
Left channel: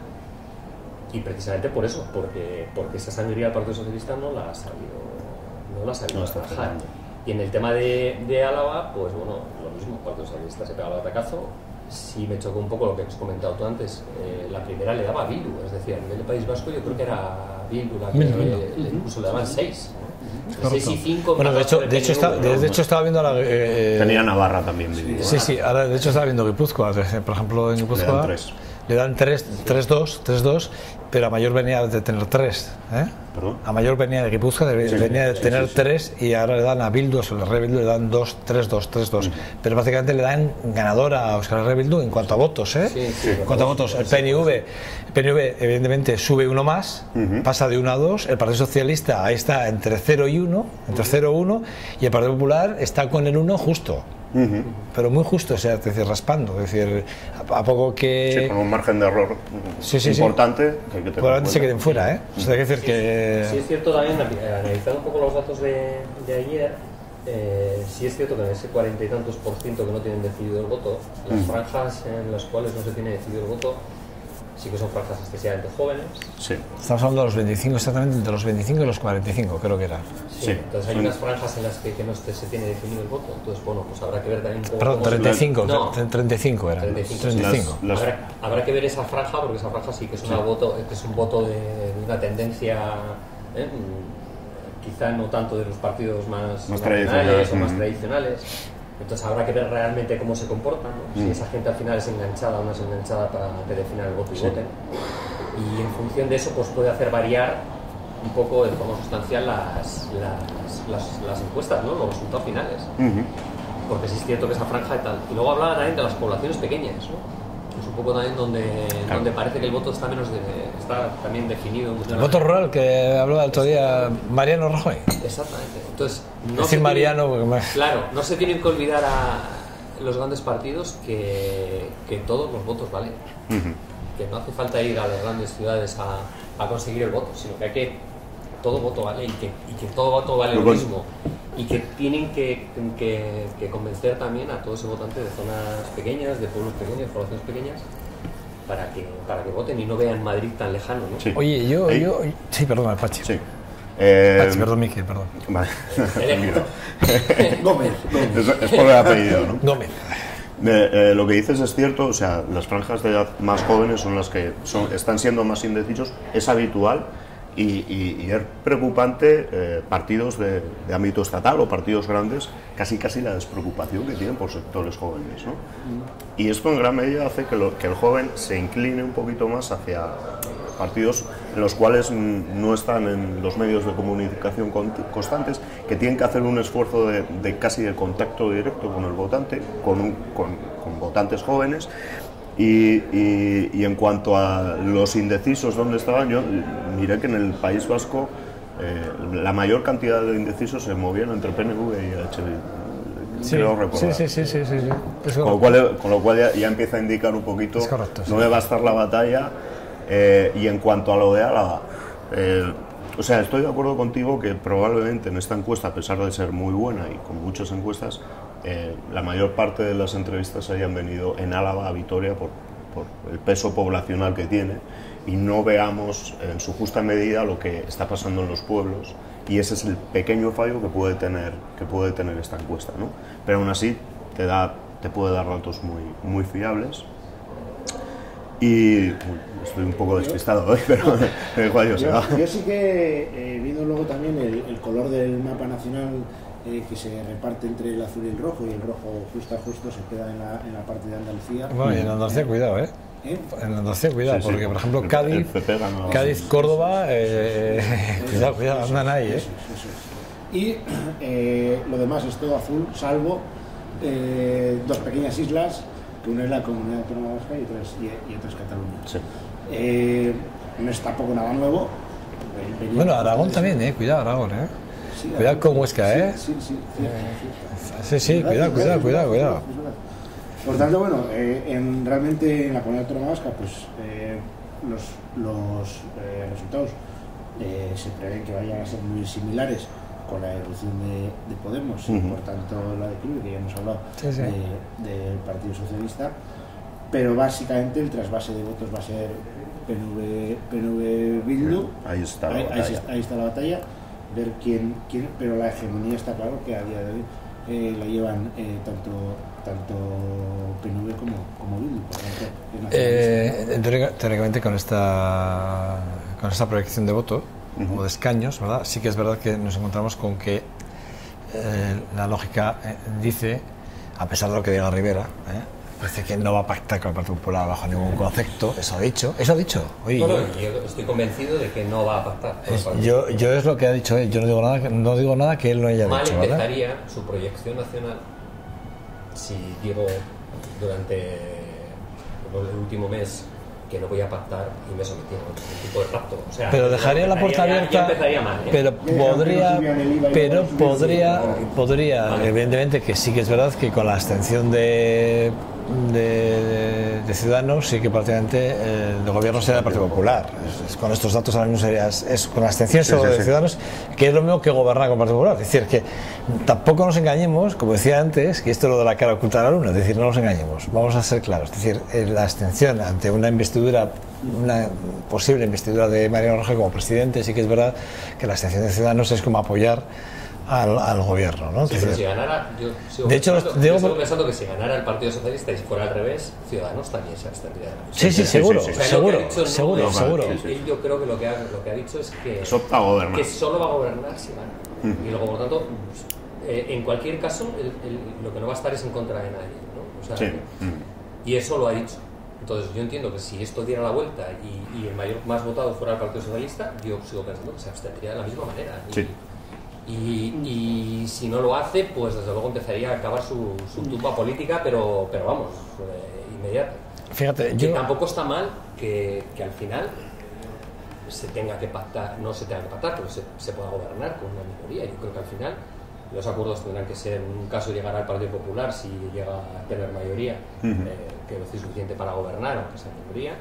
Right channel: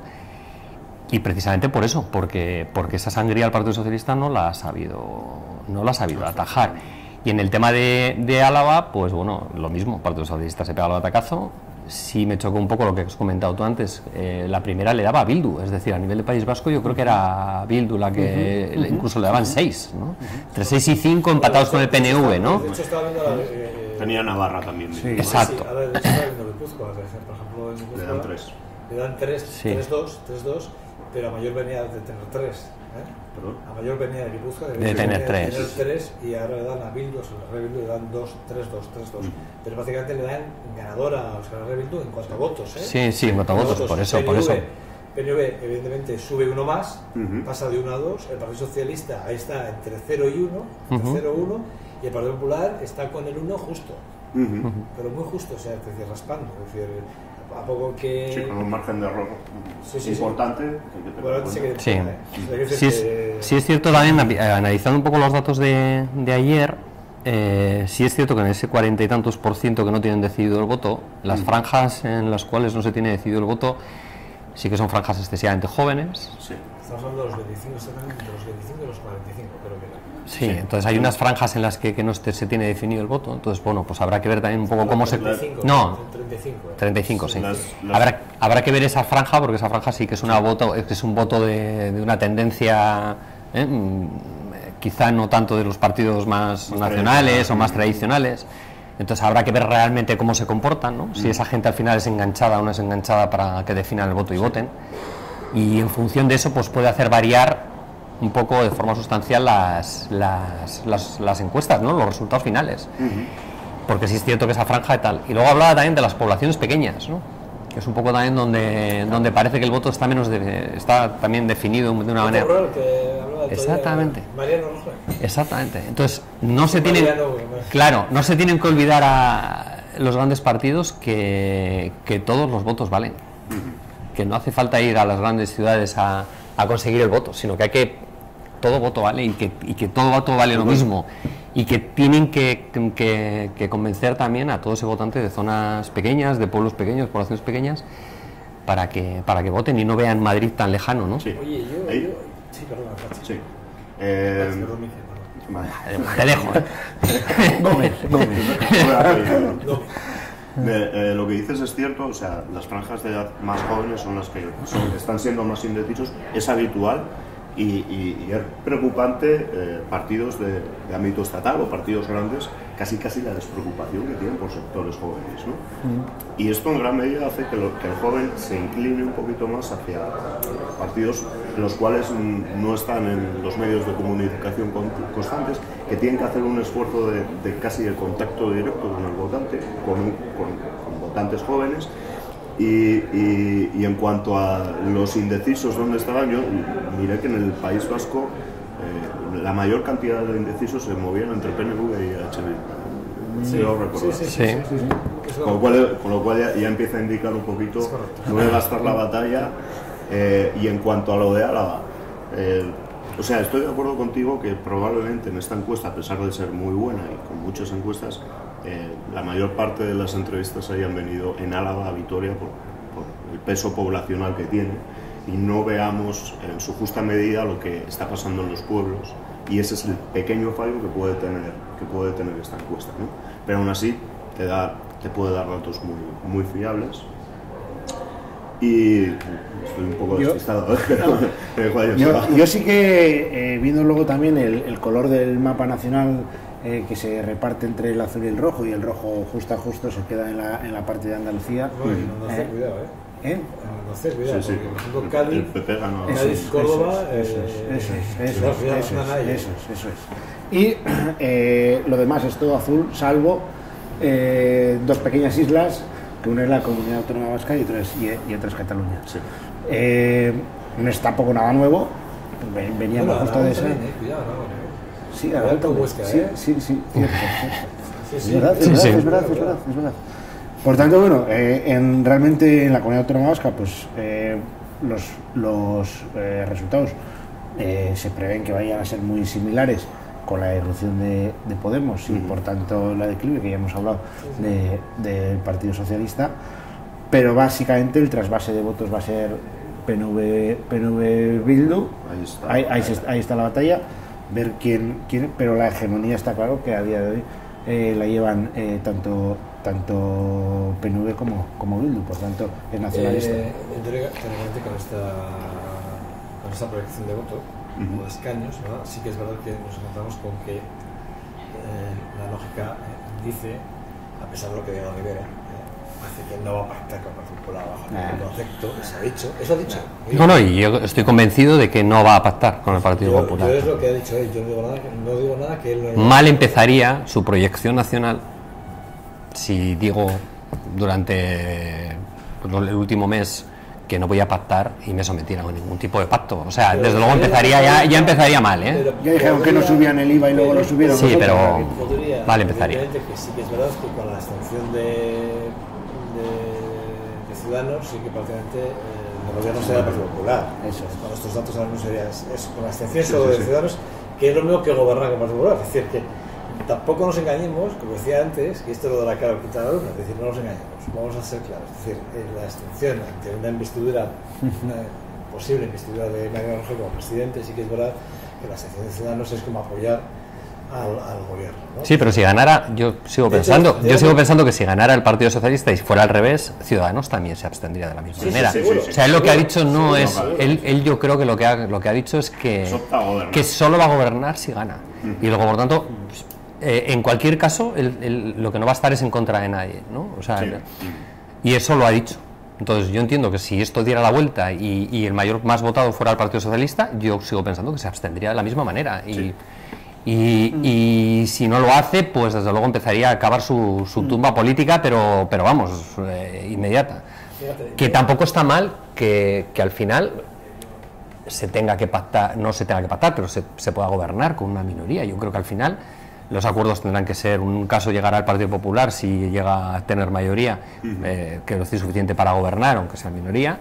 Y precisamente por eso, porque esa sangría del Partido Socialista no la ha sabido atajar. Y en el tema de Álava, pues bueno, lo mismo, el Partido Socialista se pega al batacazo. Sí me chocó un poco lo que has comentado tú antes, la primera le daba a Bildu, es decir, a nivel de País Vasco yo creo que era Bildu la que incluso le daban 6, ¿no? Entre 6 y 5 empatados con el PNV, ¿no? De hecho estaba viendo tenía Navarra también. Sí, ahora de hecho estaba viendo Guipúzcoa, por ejemplo en Guipúzcoa le dan 3-2, pero a Mayor venía de tener 3, ¿eh? ¿Perdón? A Mayor venía de Guipúzcoa, venía de tener 3 y ahora le dan a Bildu, a Euskal Herria Bildu le dan 3-2. Pero básicamente le dan ganador a Euskal Herria Bildu en cuanto a votos, ¿eh? Sí, en cuanto a votos. El PNV evidentemente sube uno más, pasa de 1 a 2, el Partido Socialista ahí está entre 0 y 1, y el Partido Popular está con el 1 justo. Pero muy justo, o sea, es decir, raspando, es decir, a poco que... Sí, con un margen de error importante que hay que tener. Probablemente se queden fuera, ¿eh? O sea, hay que decir sí es cierto también, analizando un poco los datos de ayer, sí es cierto que en ese 40 y tantos % que no tienen decidido el voto, las franjas en las cuales no se tiene decidido el voto sí que son franjas excesivamente jóvenes. Sí. Estamos hablando de los 25, exactamente entre los 25 y los 45, creo que era. Sí, entonces hay unas franjas en las que no se tiene definido el voto, entonces bueno, pues habrá que ver también un poco cómo 35, se... No, 35 era. 35, sí. Habrá que ver esa franja, porque esa franja sí que es, es un voto de una tendencia, quizá no tanto de los partidos más nacionales o más tradicionales. Entonces habrá que ver realmente cómo se comportan, ¿no? Si esa gente al final es enganchada o no es enganchada para que definan el voto y voten. Y en función de eso pues puede hacer variar un poco de forma sustancial las encuestas, ¿no? Los resultados finales. Porque sí es cierto que esa franja y tal. Y luego hablaba también de las poblaciones pequeñas, ¿no? Que es un poco también donde parece que el voto está también definido de una manera. El voto rural que hablaba el otro día Mariano Rajoy. Exactamente. Entonces no se tienen que olvidar a los grandes partidos que todos los votos valen. Que no hace falta ir a las grandes ciudades a conseguir el voto, sino que todo voto vale y que todo voto vale lo mismo, y que tienen que convencer también a todo ese votante de zonas pequeñas, de pueblos pequeños, poblaciones pequeñas, para que voten y no vean Madrid tan lejano, ¿no? Sí. Oye, sí, perdón, Pachi. Sí. Pachi, perdón, Miguel, perdón. Vale. Te dejo. Gómez. Es por el apellido, ¿no? Gómez. Lo que dices es cierto, o sea, las franjas de edad más jóvenes son las que están siendo más indecisos, es habitual. Y es preocupante partidos de ámbito estatal o partidos grandes, casi la despreocupación que tienen por sectores jóvenes, ¿no? Y esto en gran medida hace que el joven se incline un poquito más hacia partidos en los cuales no están en los medios de comunicación constantes, que tienen que hacer un esfuerzo de casi de contacto directo con el votante, con votantes jóvenes. Y en cuanto a los indecisos, ¿dónde estaban? Yo miré que en el País Vasco la mayor cantidad de indecisos se movían entre PNV y HB. Sí, creo recordar. Sí. Con lo cual ya empieza a indicar un poquito dónde va a estar la batalla. Y en cuanto a lo de Álava, O sea, estoy de acuerdo contigo que probablemente en esta encuesta, a pesar de ser muy buena y con muchas encuestas, la mayor parte de las entrevistas hayan venido en Álava a Vitoria por el peso poblacional que tiene, y no veamos en su justa medida lo que está pasando en los pueblos, y ese es el pequeño fallo que puede tener esta encuesta, ¿no? Pero aún así te puede dar datos muy fiables. Y estoy un poco despistado, pero yo sí que, viendo luego también el color del mapa nacional, que se reparte entre el azul y el rojo, y el rojo justo se queda en la parte de Andalucía. Bueno, y en Andalucía, cuidado, en Andalucía, cuidado, sí, sí. porque por ejemplo Cádiz, Córdoba, cuidado, andan ahí, eso es. Y lo demás es todo azul, salvo dos pequeñas islas, que una es la Comunidad Autónoma Vasca y otra es Cataluña. Sí. No es tampoco nada nuevo. Bueno, Aragón también, cuidado Aragón, Sí, cuidado con Huesca, Sí, cuidado. Por tanto, bueno, realmente en la Comunidad Autónoma Vasca, pues los resultados se prevén que vayan a ser muy similares con la evolución de Podemos y por tanto la declive, que ya hemos hablado del Partido Socialista, pero básicamente el trasvase de votos va a ser PNV Bildu. Ahí está la batalla, ver quién, pero la hegemonía está claro que a día de hoy la llevan tanto PNV como Bildu, por tanto es nacionalista. Teóricamente con esta proyección de voto o de escaños, ¿verdad? Sí que es verdad que nos encontramos con que la lógica dice, a pesar de lo que diga Rivera, parece que no va a pactar con el Partido Popular bajo ningún concepto. Eso ha dicho. Oye, no, y yo estoy convencido de que no va a pactar con el Partido Popular. Yo es lo que ha dicho él, yo no digo nada que él no haya Mal dicho, empezaría, ¿verdad? Su proyección nacional, si digo durante el último mes que no voy a pactar y me sometiera a ningún tipo de pacto. O sea, pero desde luego ya empezaría mal, Pero dijeron que no subían el IVA y luego lo subieron. Sí, pero podría, vale, evidentemente, que sí que es verdad que con la abstención de Ciudadanos, sí que prácticamente el gobierno sería del Partido Popular. Con estos datos ahora mismo es con la abstención de Ciudadanos, que es lo mismo que gobernar con el Partido Popular. Es decir, que tampoco nos engañemos, como decía antes, que esto es lo de la cara oculta de la luna, es decir, no nos engañemos, vamos a ser claros. Es decir, la abstención ante una posible investidura de Mariano Rajoy como presidente, sí que es verdad que la abstención de Ciudadanos es como apoyar al gobierno, ¿no? Sí, pero si ganara, yo sigo pensando que si ganara el Partido Socialista y fuera al revés, Ciudadanos también se abstendría de la misma manera. Seguro. O sea, lo que ha dicho no es... Él yo creo que lo que ha dicho es que solo va a gobernar si gana. Y luego, por tanto, en cualquier caso, lo que no va a estar es en contra de nadie, ¿no? O sea, y eso lo ha dicho. Entonces yo entiendo que si esto diera la vuelta y el más votado fuera el Partido Socialista, yo sigo pensando que se abstendría de la misma manera. Y si no lo hace, pues desde luego empezaría a acabar su tumba política, pero vamos, inmediata. Fíjate, que tampoco está mal que al final se tenga que pactar, no se tenga que pactar, pero se pueda gobernar con una minoría. Yo creo que al final los acuerdos tendrán que ser, en un caso llegará al Partido Popular si llega a tener mayoría, que lo es suficiente para gobernar, aunque sea minoría,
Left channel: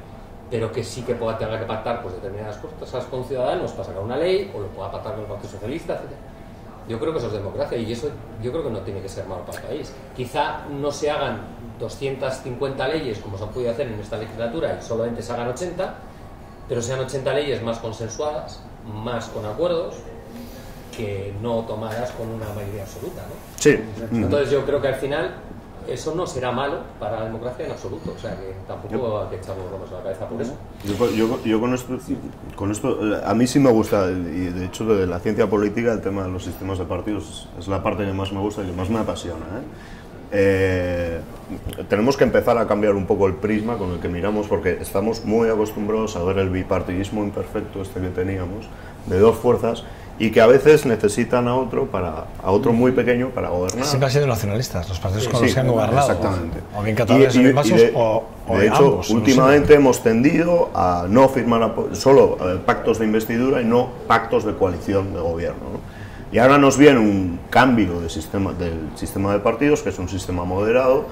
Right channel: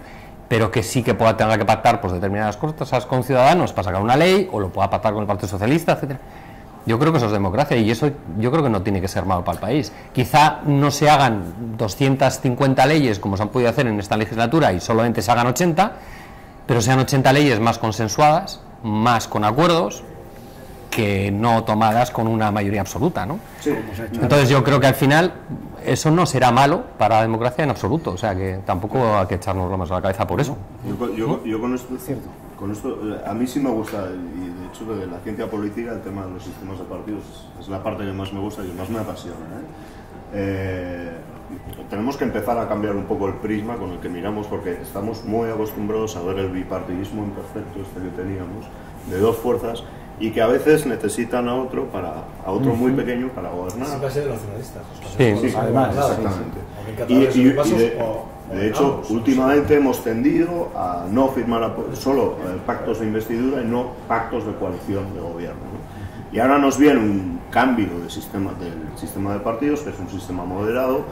pero que sí que tenga que pactar pues determinadas cosas con Ciudadanos para sacar una ley, o lo pueda pactar con el Partido Socialista, etcétera. Yo creo que eso es democracia, y eso yo creo que no tiene que ser malo para el país. Quizá no se hagan 250 leyes como se han podido hacer en esta legislatura y solamente se hagan 80, pero sean 80 leyes más consensuadas, más con acuerdos, que no tomadas con una mayoría absoluta, ¿no? Sí. Entonces yo creo que al final eso no será malo para la democracia en absoluto, o sea que tampoco hay que echarnos bromas a la cabeza por eso. Yo con esto, a mí sí me gusta, y de hecho de la ciencia política, el tema de los sistemas de partidos es la parte que más me gusta y que más me apasiona, tenemos que empezar a cambiar un poco el prisma con el que miramos, porque estamos muy acostumbrados a ver el bipartidismo imperfecto que teníamos, de dos fuerzas, y que a veces necesitan a otro muy pequeño para gobernar. Siempre han sido nacionalistas los partidos con los que han gobernado. Exactamente. O bien catalanes o vascos, de hecho, ambos, últimamente hemos tendido a no firmar solo pactos de investidura y no pactos de coalición de gobierno, ¿no? Y ahora nos viene un cambio del sistema de partidos, que es un sistema moderado,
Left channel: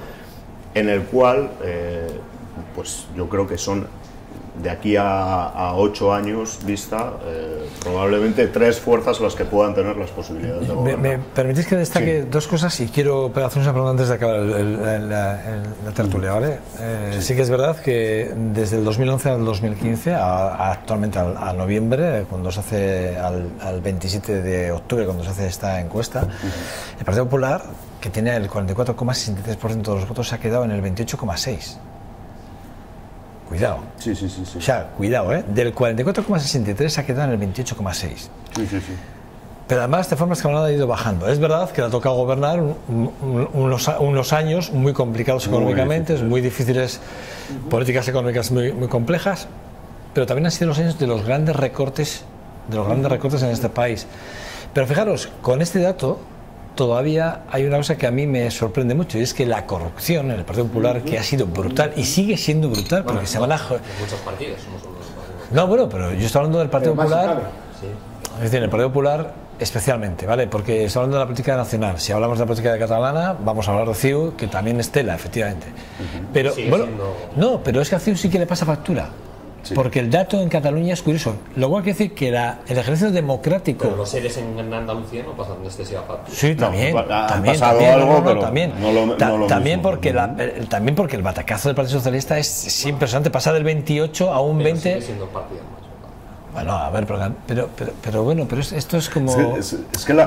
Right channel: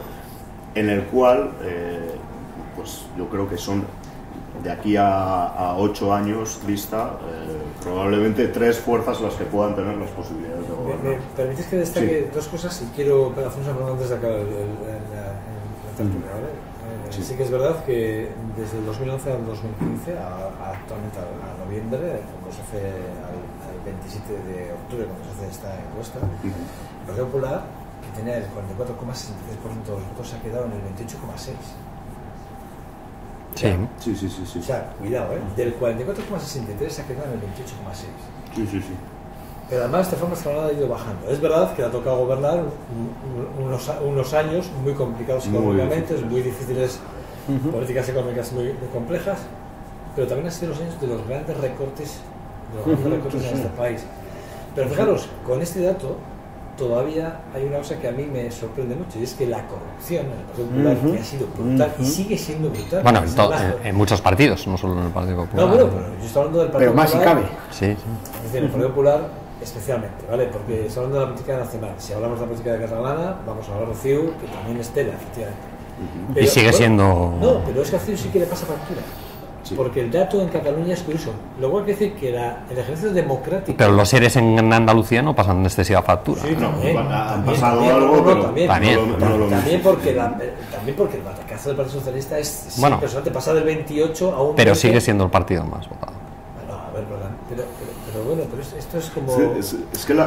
en el cual pues yo creo que son de aquí a 8 años vista, probablemente 3 fuerzas las que puedan tener las posibilidades de gobernar. ¿Me permitís que destaque dos cosas? Y quiero hacer una pregunta antes de acabar la tertulia, ¿vale? Sí que es verdad que desde el 2011 al 2015, actualmente al noviembre, cuando se hace al 27 de octubre, cuando se hace esta encuesta, el Partido Popular, que tenía el 44,63% de los votos, se ha quedado en el 28,6%. Cuidado. Sí. O sea, cuidado, ¿eh? Del 44,63 se ha quedado en el 28,6. Sí. Pero además, de forma escalonada ha ido bajando. Es verdad que le ha tocado gobernar unos años muy complicados económicamente, muy difíciles, políticas económicas muy complejas, pero también han sido los años de los grandes recortes, en este país. Pero fijaros, con este dato todavía hay una cosa que a mí me sorprende mucho, y es que la corrupción en el Partido Popular, que ha sido brutal y sigue siendo brutal. Bueno, en muchos partidos, no solo en el Partido Popular. No, bueno, pero yo estoy hablando del Partido Popular. Pero más si cabe. Sí. Es decir, en el Partido Popular especialmente, ¿vale? Porque estoy hablando de la política nacional. Si hablamos de la política catalana, vamos a hablar de CiU, que también es tela, efectivamente. Pero, y sigue siendo... No, pero es que a CiU sí que le pasa factura. Sí. Porque el dato en Cataluña es curioso. Lo cual quiere decir que el ejercicio democrático... Pero los seres en Andalucía no pasan excesiva factura. Sí, también. También porque el batacazo del Partido Socialista es impresionante, pasa del 28 a un 20. Pero sigue siendo el partido más votado. Bueno, a ver, pero bueno, pero esto es como... Es que la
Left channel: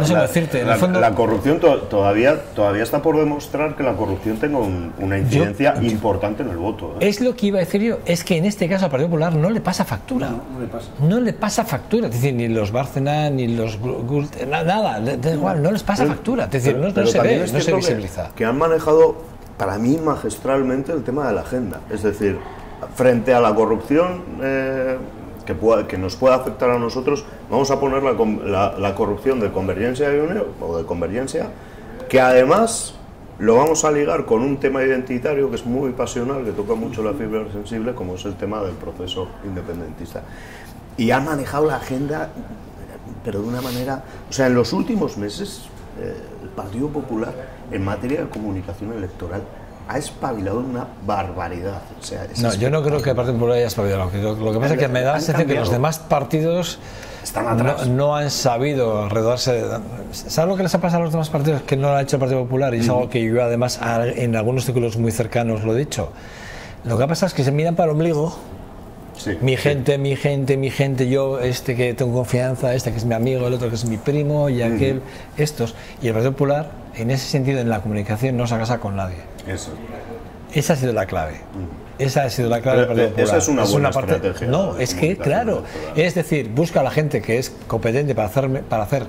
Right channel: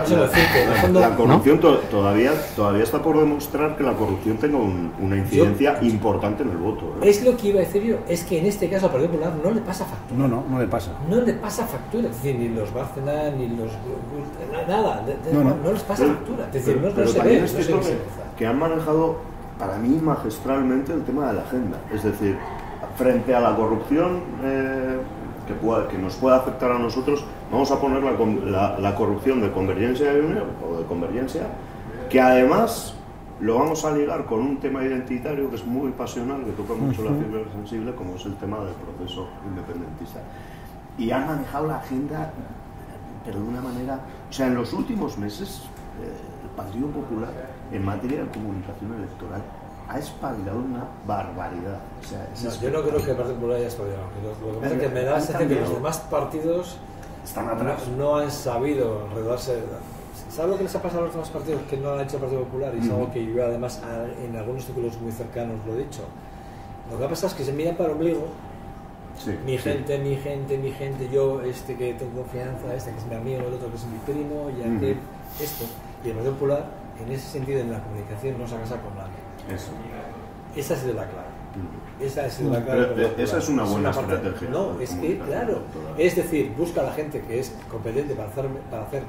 corrupción, ¿no? todavía está por demostrar que la corrupción tenga una incidencia importante en el voto. Es lo que iba a decir yo, es que en este caso al Partido Popular no le pasa factura. No le pasa. No le pasa factura, es decir, ni los Bárcena, ni los Gult, nada, no les pasa factura, es decir, no se ve, no se visibiliza. Que han manejado, para mí, magistralmente el tema de la agenda. Es decir, frente a la corrupción... que nos pueda afectar a nosotros, vamos a poner la corrupción de Convergencia y Unió, o de Convergencia, que además lo vamos a ligar con un tema identitario que es muy pasional, que toca mucho la fibra sensible, como es el tema del proceso independentista. Y han manejado la agenda, pero de una manera... O sea, en los últimos meses, el Partido Popular, en materia de comunicación electoral, ha espabilado una barbaridad. O sea, yo no creo que el Partido Popular haya espabilado. Lo que pasa es que me da la sensación que los demás partidos están atrás. No han sabido redarse. ¿Sabes lo que les ha pasado a los demás partidos que no lo ha hecho el Partido Popular? Y es algo que yo, además, en algunos círculos muy cercanos lo he dicho. Lo que ha pasado es que se miran para el ombligo. Sí, mi gente, yo, que tengo confianza, que es mi amigo, el otro que es mi primo, y aquel, estos. Y el Partido Popular, en ese sentido, en la comunicación, no se ha casado con nadie. Esa ha sido la clave. Esa ha sido la clave. Pero esa es una buena estrategia. No, es que, claro, es decir, busca a la gente que es competente para hacer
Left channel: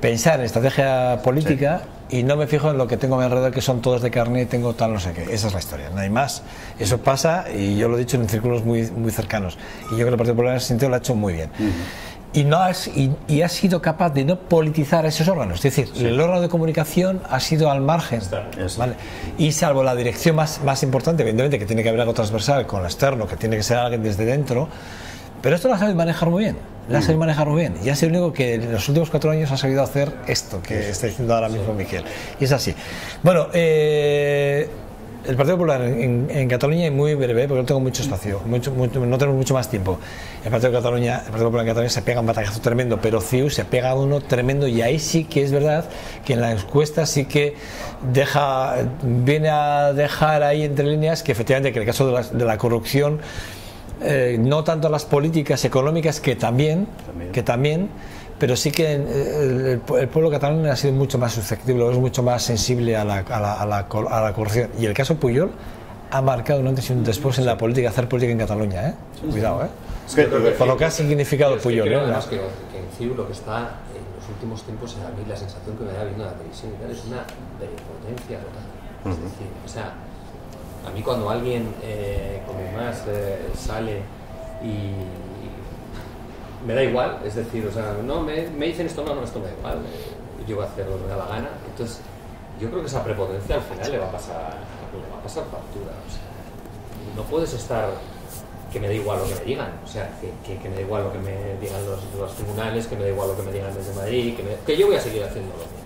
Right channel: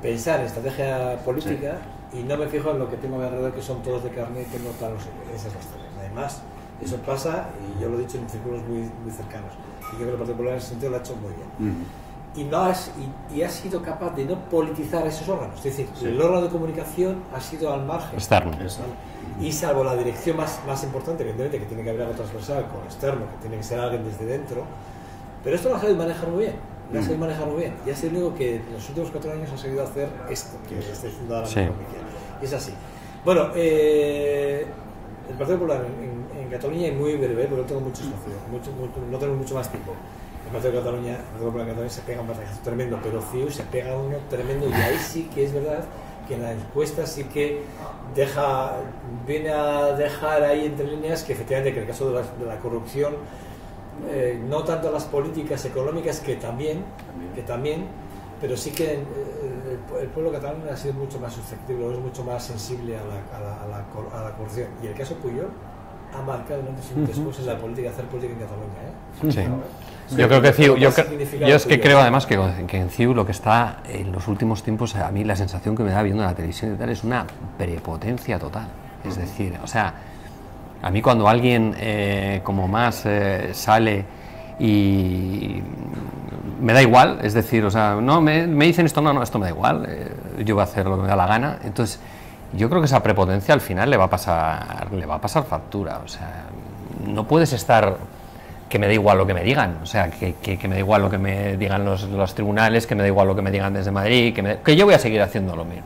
pensar en estrategia política, y no me fijo en lo que tengo a mi alrededor, que son todos de carne y tengo tal, no sé qué. Esa es la historia, no hay más. Eso pasa, y yo lo he dicho en círculos muy cercanos. Y yo creo que el Partido Popular en ese sentido lo ha hecho muy bien. Y ha sido capaz de no politizar esos órganos. Es decir, el órgano de comunicación ha sido al margen externo, ¿vale? Y salvo la dirección más importante, evidentemente, que tiene que haber algo transversal con lo externo, que tiene que ser alguien desde dentro, pero esto lo ha sabido manejar muy bien. Y ha sido el único que en los últimos 4 años ha sabido hacer esto que está diciendo ahora mismo Miguel. Y es así. Bueno, el Partido Popular en Cataluña, y muy breve, porque no tengo mucho espacio, no tenemos mucho más tiempo. El Partido Popular en Cataluña se pega un batacazo tremendo, pero CiU se pega uno tremendo, y ahí sí que es verdad que en la encuesta sí que viene a dejar ahí entre líneas que efectivamente, que en el caso de la corrupción, no tanto las políticas económicas, que también, pero sí que el pueblo catalán ha sido mucho más susceptible, es mucho más sensible a la corrupción. Y el caso Pujol ha marcado un antes y un después en la política, hacer política en Cataluña, ¿eh? Cuidado, ¿eh? Yo creo que CiU, yo es que creo además que en CiU lo que está en los últimos tiempos, a mí la sensación que me da viendo la televisión y tal, es una prepotencia total. Es decir, o sea, a mí cuando alguien como más sale y me da igual, es decir, o sea, no me dicen esto, no, esto me da igual, yo voy a hacer lo que me da la gana. Entonces, yo creo que esa prepotencia al final le va a pasar factura. O sea, no puedes estar que me da igual lo que me digan, o sea, que me da igual lo que me digan los tribunales, que me da igual lo que me digan desde Madrid, que yo voy a seguir haciendo lo mismo.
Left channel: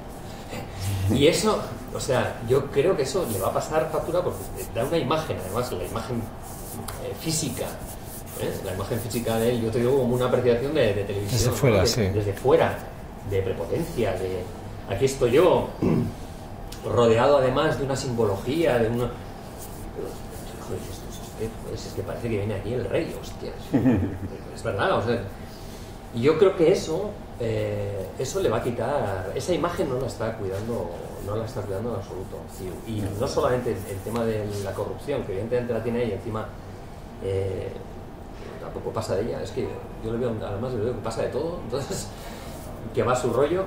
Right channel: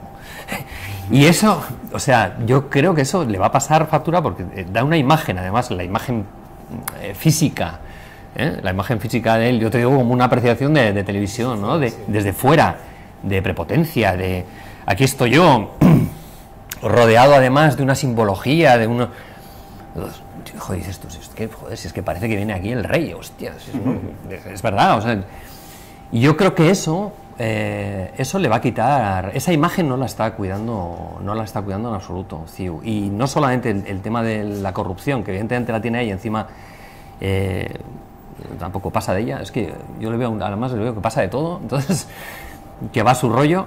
Y eso, o sea, yo creo que eso le va a pasar factura porque da una imagen, además, la imagen física La imagen física de él, yo te digo como una apreciación de televisión, desde fuera, ¿no? sí. Desde fuera, de prepotencia, de aquí estoy yo, rodeado además de una simbología, de uno... Joder, dices tú, joder, si es que parece que viene aquí el rey, hostia, es verdad, o sea, y yo creo que eso le va a quitar, esa imagen no la está cuidando en absoluto, CiU. Y no solamente el tema de la corrupción, que evidentemente la tiene ahí encima, tampoco pasa de ella, es que yo le veo, además le veo que pasa de todo, entonces, que va a su rollo,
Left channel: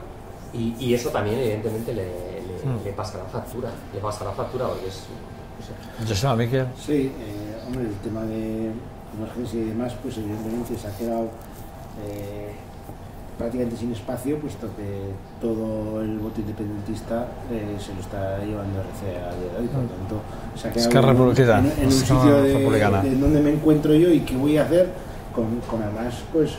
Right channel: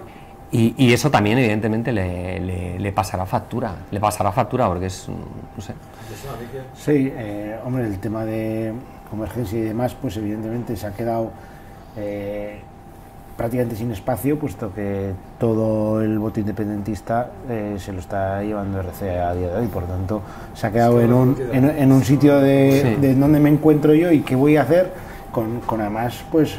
y eso también evidentemente le pasará factura, porque es, no sé. Joseba, Miquel. Sí, hombre, el tema de Convergencia y demás, pues evidentemente se ha quedado prácticamente sin espacio, puesto que todo el voto independentista se lo está llevando RC a día de hoy, y por lo tanto se ha quedado en un sitio de donde me encuentro yo y qué voy a hacer, con además pues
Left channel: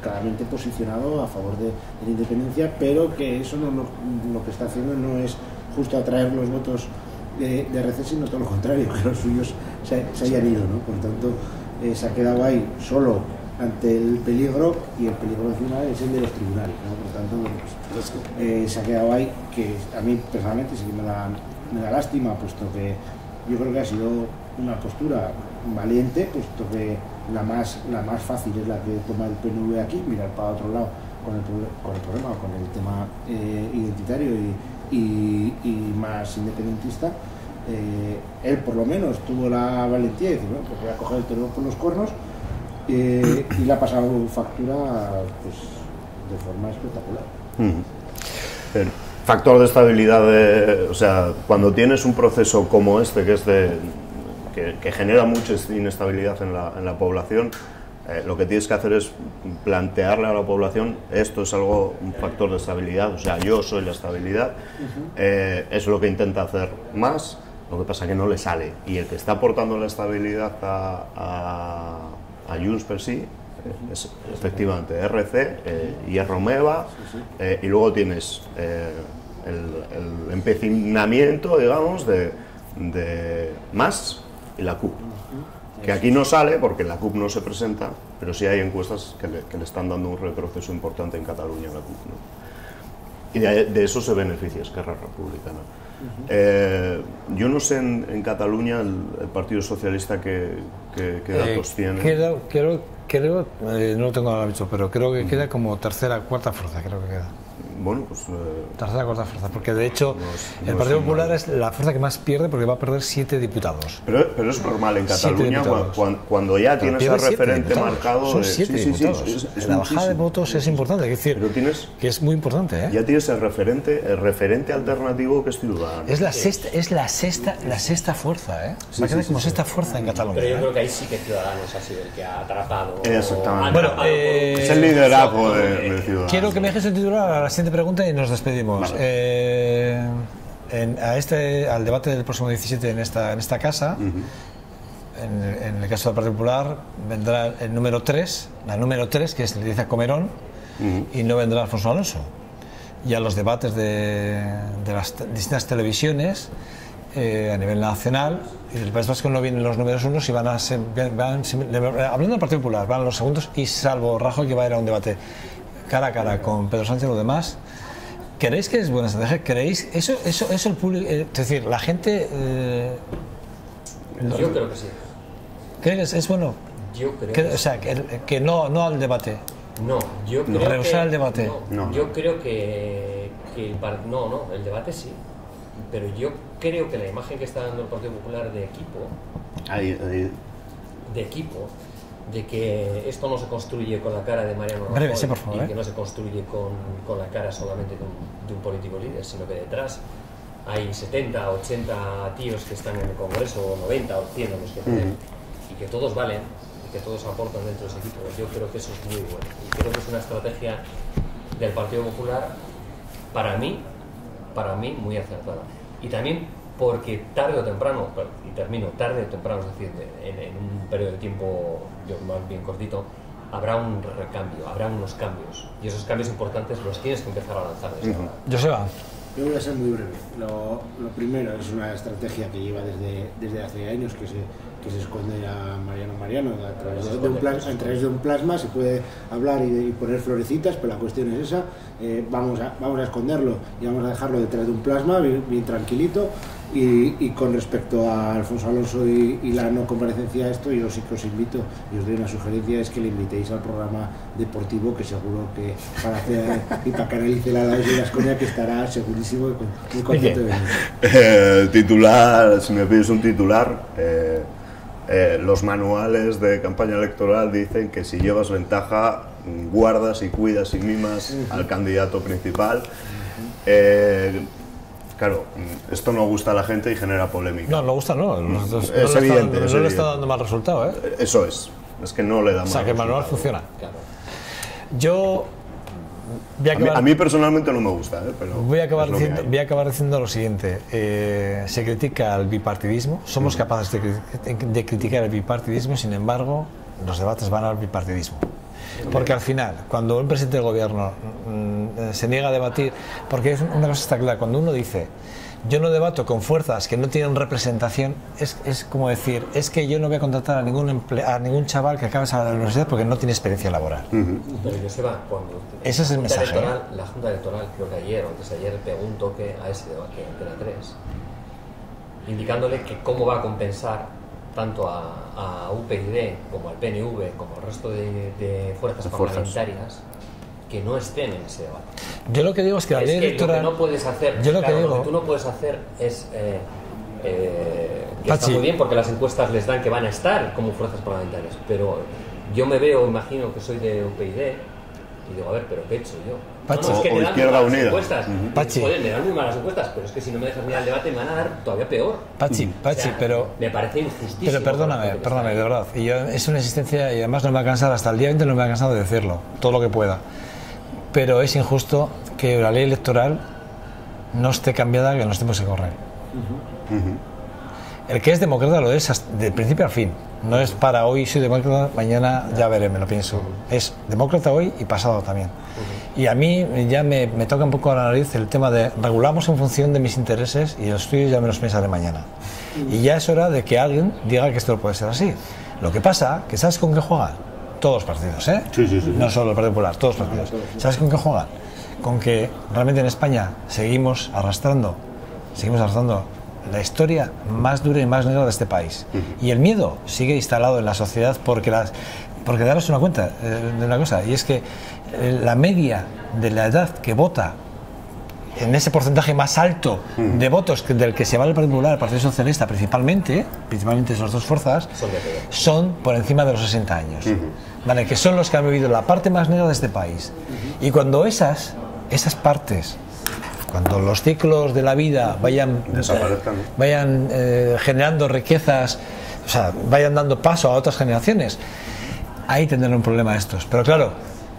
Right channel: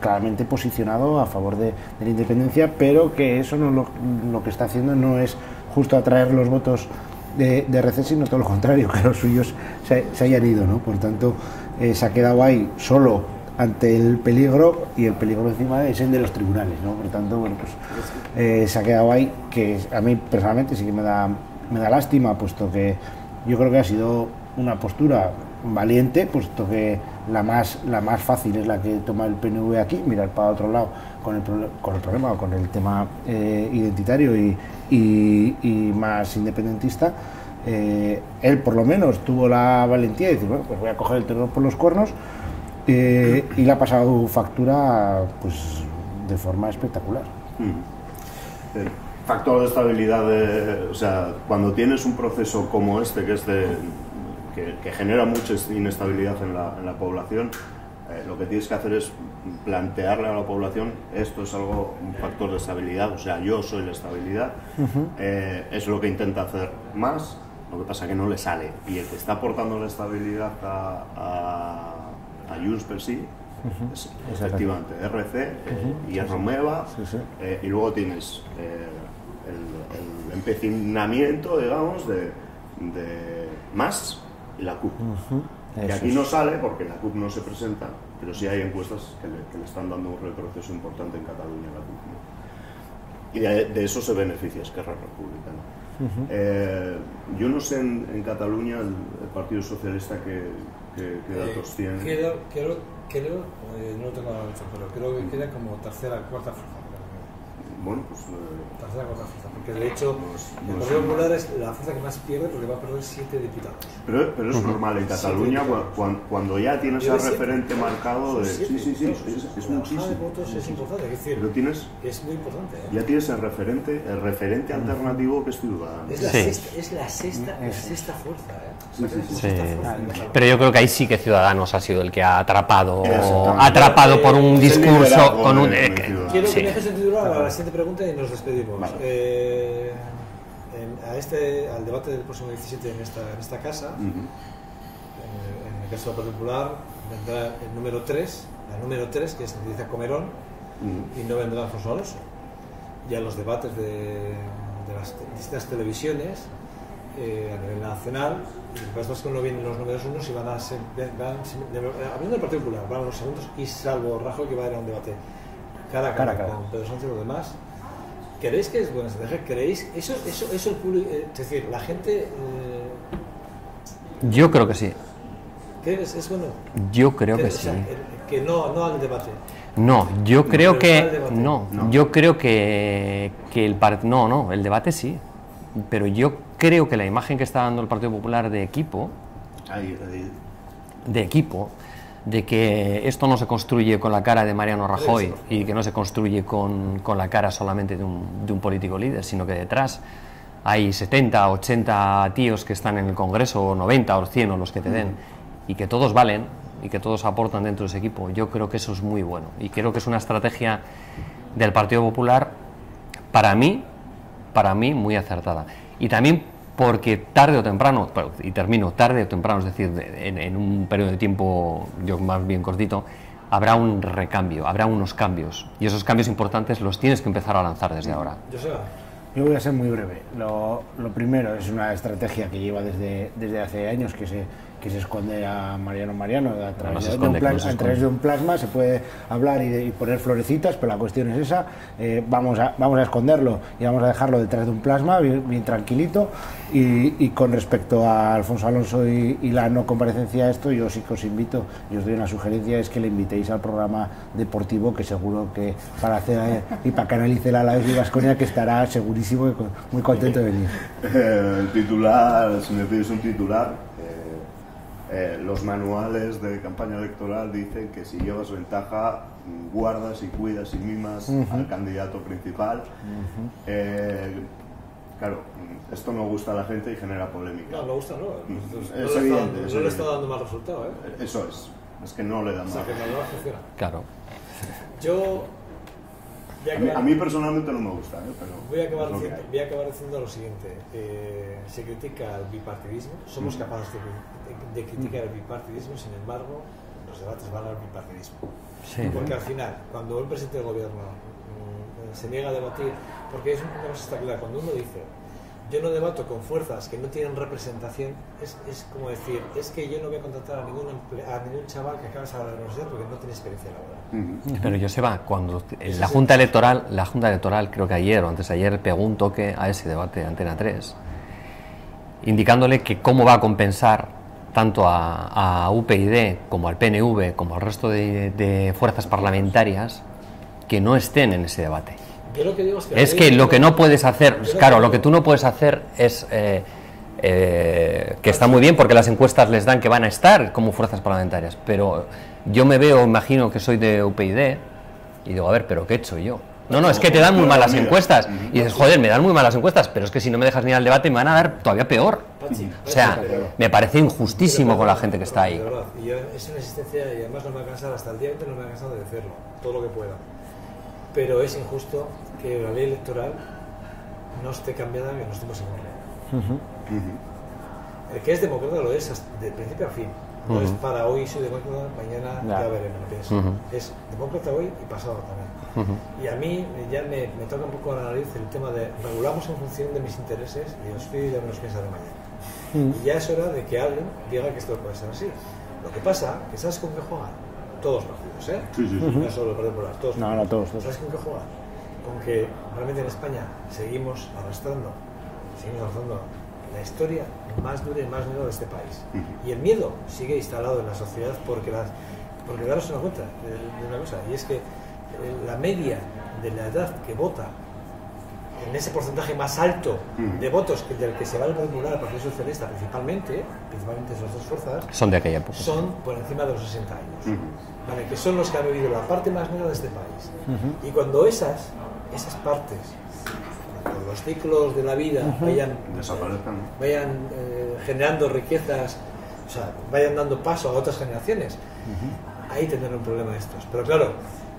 claramente posicionado a favor de la independencia, pero que eso no lo que está haciendo no es justo atraer los votos de RC, sino todo lo contrario, que los suyos se hayan ido, ¿no? Por tanto, se ha quedado ahí solo ante el peligro, y el peligro encima es el de los tribunales, ¿no? Por tanto, bueno, pues se ha quedado ahí, que a mí personalmente sí que me da lástima, puesto que yo creo que ha sido una postura valiente, puesto que la más fácil es la que toma el PNV aquí, mirar para otro lado con el problema, con el tema identitario y más independentista. Él por lo menos tuvo la valentía y dice, bueno, pues voy a coger el toro por los cuernos, y le ha pasado factura pues de forma espectacular. El factor de estabilidad, o sea, cuando tienes un proceso como este, que es que genera mucha inestabilidad en la población, lo que tienes que hacer es plantearle a la población, esto es un factor de estabilidad, o sea, yo soy la estabilidad, es lo que intenta hacer más, lo que pasa que no le sale, y el que está aportando la estabilidad a Junts per sí es efectivamente RC, y Romeva, y luego tienes el empecinamiento, digamos, de Mas y la CUP. Que aquí no sale porque la CUP no se presenta, pero sí hay encuestas que le están dando un retroceso importante en Cataluña a la CUP, ¿no? Y de eso se beneficia Esquerra Republicana. Yo no sé en Cataluña el Partido Socialista qué datos tiene. Creo, no lo tengo ahora mismo, pero creo que queda como tercera, cuarta fuerza, creo que queda. Bueno, pues... tercera, cuarta fuerza, porque de hecho el Partido Popular es la fuerza que más pierde, porque va a perder 7 diputados. Pero es normal en Cataluña, cuando ya tienes el referente marcado... Son 7 diputados. La bajada de votos es importante, es decir, que es muy importante, ¿eh? Ya tienes el referente alternativo, que es Ciudadanos. Es la sexta fuerza, ¿eh? Va a quedar como sexta fuerza en Cataluña. Pero yo creo que ahí sí que Ciudadanos ha sido el que ha atrapado por un discurso... Quiero que me dejes el titular a la siguiente pregunta y nos despedimos. Vale. Al debate del próximo 17 en esta casa, en el caso del Partido Popular, vendrá el número 3, la número 3, que es Elisa Comerón, y no vendrá Alfonso Alonso. Y a los debates de las distintas televisiones a nivel nacional, el País Vasco no vienen los números unos y hablando del Partido Popular, van a los segundos, y salvo Rajoy, que va a ir a un debate cara a cara con Pedro Sánchez, lo demás. ¿Creéis que es buena estrategia? ¿Creéis eso el público? Es decir, la gente... yo creo que sí. ¿Crees es bueno? Yo creo que sí. O sea, que no al debate. No, yo creo que... No. Yo creo que el debate sí. Pero yo creo que la imagen que está dando el Partido Popular de equipo... de que esto no se construye con la cara de Mariano Rajoy, y que no se construye con la cara solamente de un político líder, sino que detrás hay 70, 80 tíos que están en el Congreso, o 90 o 100 o los que te den, y que todos valen y que todos aportan dentro de ese equipo. Yo creo que eso es muy bueno, y creo que es una estrategia del Partido Popular, para mí muy acertada. Y también porque tarde o temprano, y termino, tarde o temprano, es decir, en un periodo de tiempo yo más bien cortito, habrá un recambio, habrá unos cambios, y esos cambios importantes los tienes que empezar a lanzar desde ahora. Joseba. Yo voy a ser muy breve. Lo primero es una estrategia que lleva desde hace años, que que se esconde a Mariano. A través de un plasma se puede hablar y poner florecitas, pero la cuestión es esa. Vamos a esconderlo y vamos a dejarlo detrás de un plasma bien tranquilito. Y con respecto a Alfonso Alonso y la no comparecencia a esto, yo sí que os invito y os doy una sugerencia, es que le invitéis al programa deportivo, que seguro que para hacer y para canalizar a la de Baskonia, que estará segurísimo muy contento de venir. Titular, si me pides un titular, los manuales de campaña electoral dicen que si llevas ventaja, guardas y cuidas y mimas al candidato principal. Claro, esto no gusta a la gente y genera polémica. No gusta, no. Es evidente. No le está dando mal resultado, ¿eh? Eso es que no le da mal. O sea, que el manual funciona. Claro. Yo... A mí personalmente no me gusta, pero voy a acabar diciendo lo siguiente. Se critica el bipartidismo, somos capaces de criticar el bipartidismo, sin embargo, los debates van al bipartidismo. Porque al final, cuando un presidente del gobierno se niega a debatir, porque una cosa está clara, cuando uno dice yo no debato con fuerzas que no tienen representación, es como decir, es que yo no voy a contratar a ningún chaval que acabe de salir de la universidad porque no tiene experiencia laboral. Pero Joseba, cuando la Junta Electoral, creo que ayer o antes de ayer, pegó un toque a ese debate de Antena 3, indicándole que cómo va a compensar tanto a UPyD como al PNV como al resto de fuerzas parlamentarias que no estén en ese debate. Yo lo que digo es que lo que no puedes hacer, lo que tú no puedes hacer es que está muy bien porque las encuestas les dan que van a estar como fuerzas parlamentarias, pero yo imagino que soy de UPyD y digo, a ver, pero ¿qué he hecho yo? No, es que te dan muy malas encuestas. Y dices, joder, me dan muy malas encuestas, pero es que si no me dejas ni al debate me van a dar todavía peor. O sea, me parece injustísimo con la gente que está ahí. De verdad, y yo, es una insistencia y además no me va a cansar, hasta el día 20 no me va a cansar de decirlo, todo lo que pueda. Pero es injusto que la ley electoral no esté cambiada en los tiempos que corren. El que es demócrata lo es de principio a fin. No es para hoy soy demócrata, mañana ya veré, me lo pienso. Es demócrata hoy y pasado también. Y a mí ya me toca un poco a la nariz el tema de regulamos en función de mis intereses y los tuyos ya me los pensaré mañana. Y ya es hora de que alguien diga que esto no puede ser así. Lo que pasa, que ¿sabes con qué juegan? Todos los partidos, ¿eh? Sí. No solo el Partido Popular, todos los partidos. ¿Sabes con qué juegan? Con que realmente en España seguimos arrastrando la historia más dura y más negra de este país. Y el miedo sigue instalado en la sociedad porque daros una cuenta de una cosa, y es que la media de la edad que vota en ese porcentaje más alto de votos del que se va el Partido Popular, el Partido Socialista, principalmente esas dos fuerzas, son de aquella época. Son por encima de los 60 años, ¿vale? Que son los que han vivido la parte más negra de este país. Y cuando esas partes, cuando los ciclos de la vida vayan generando riquezas, o sea, vayan dando paso a otras generaciones, ahí tendrán un problema estos. Pero claro,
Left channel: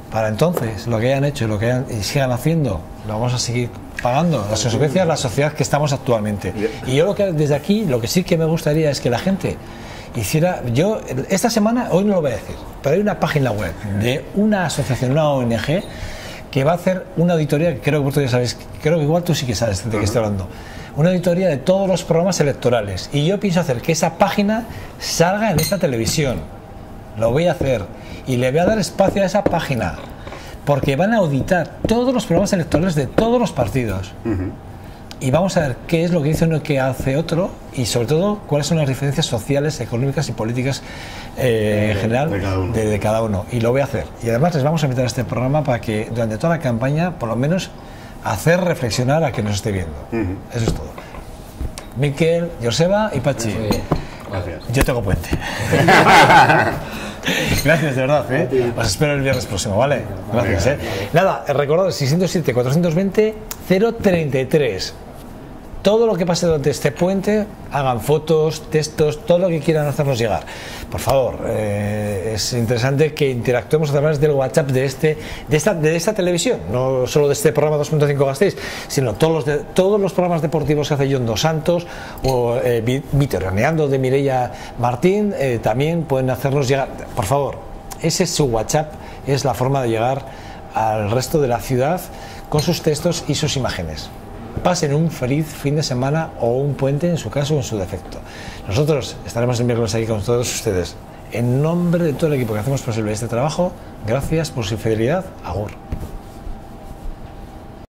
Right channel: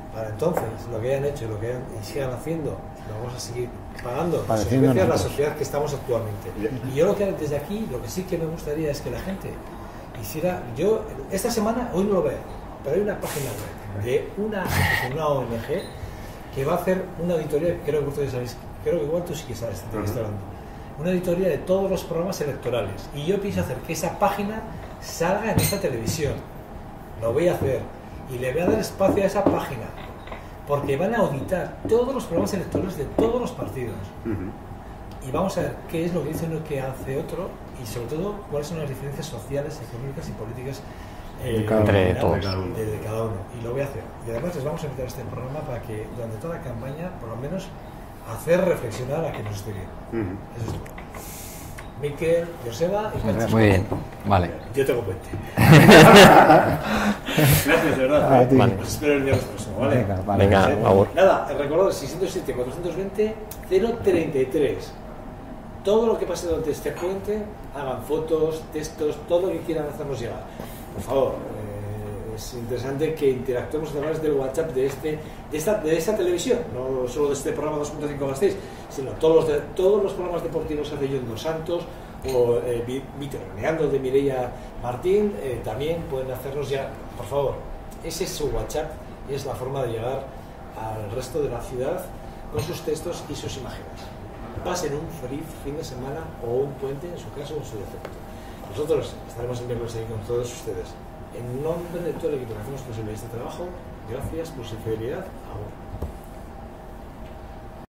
para entonces, lo que hayan hecho y sigan haciendo, lo vamos a seguir pagando las consecuencias de la sociedad que estamos actualmente. Y yo desde aquí, lo que sí que me gustaría es que la gente hiciera, esta semana, hoy no lo voy a decir, pero hay una página web de una asociación, una ONG, que va a hacer una auditoría, que creo que vosotros ya sabéis, creo que igual tú sí que sabes de qué estoy hablando, una auditoría de todos los programas electorales, y yo pienso hacer que esa página salga en esta televisión. Lo voy a hacer y le voy a dar espacio a esa página porque van a auditar todos los programas electorales de todos los partidos y vamos a ver qué es lo que dice uno y qué hace otro, y sobre todo cuáles son las diferencias sociales, económicas y políticas en general de cada uno, y lo voy a hacer. Y además les vamos a invitar a este programa para que durante toda la campaña por lo menos hacer reflexionar a quien nos esté viendo. Eso es todo. Miquel, Joseba y Pachi. Muy bien. Vale. Yo tengo puente. Gracias, de verdad. Os espero el viernes próximo, ¿vale? Gracias, Nada, recordad, 607-420-033. Todo lo que pase durante este puente, hagan fotos, textos, todo lo que quieran hacernos llegar. Por favor, es interesante que interactuemos a través del WhatsApp de esta televisión, no solo de este programa 2.5 Gasteiz, sino todos los programas deportivos que hace John Dos Santos o Vitoraneando de Mireia Martín, también pueden hacernos llegar. Por favor, ese es su WhatsApp, es la forma de llegar al resto de la ciudad con sus textos y sus imágenes. pasen un feliz fin de semana o un puente en su caso o en su defecto. Nosotros estaremos el miércoles aquí con todos ustedes. En nombre de todo el equipo que hacemos posible este trabajo, gracias por su fidelidad. Agur.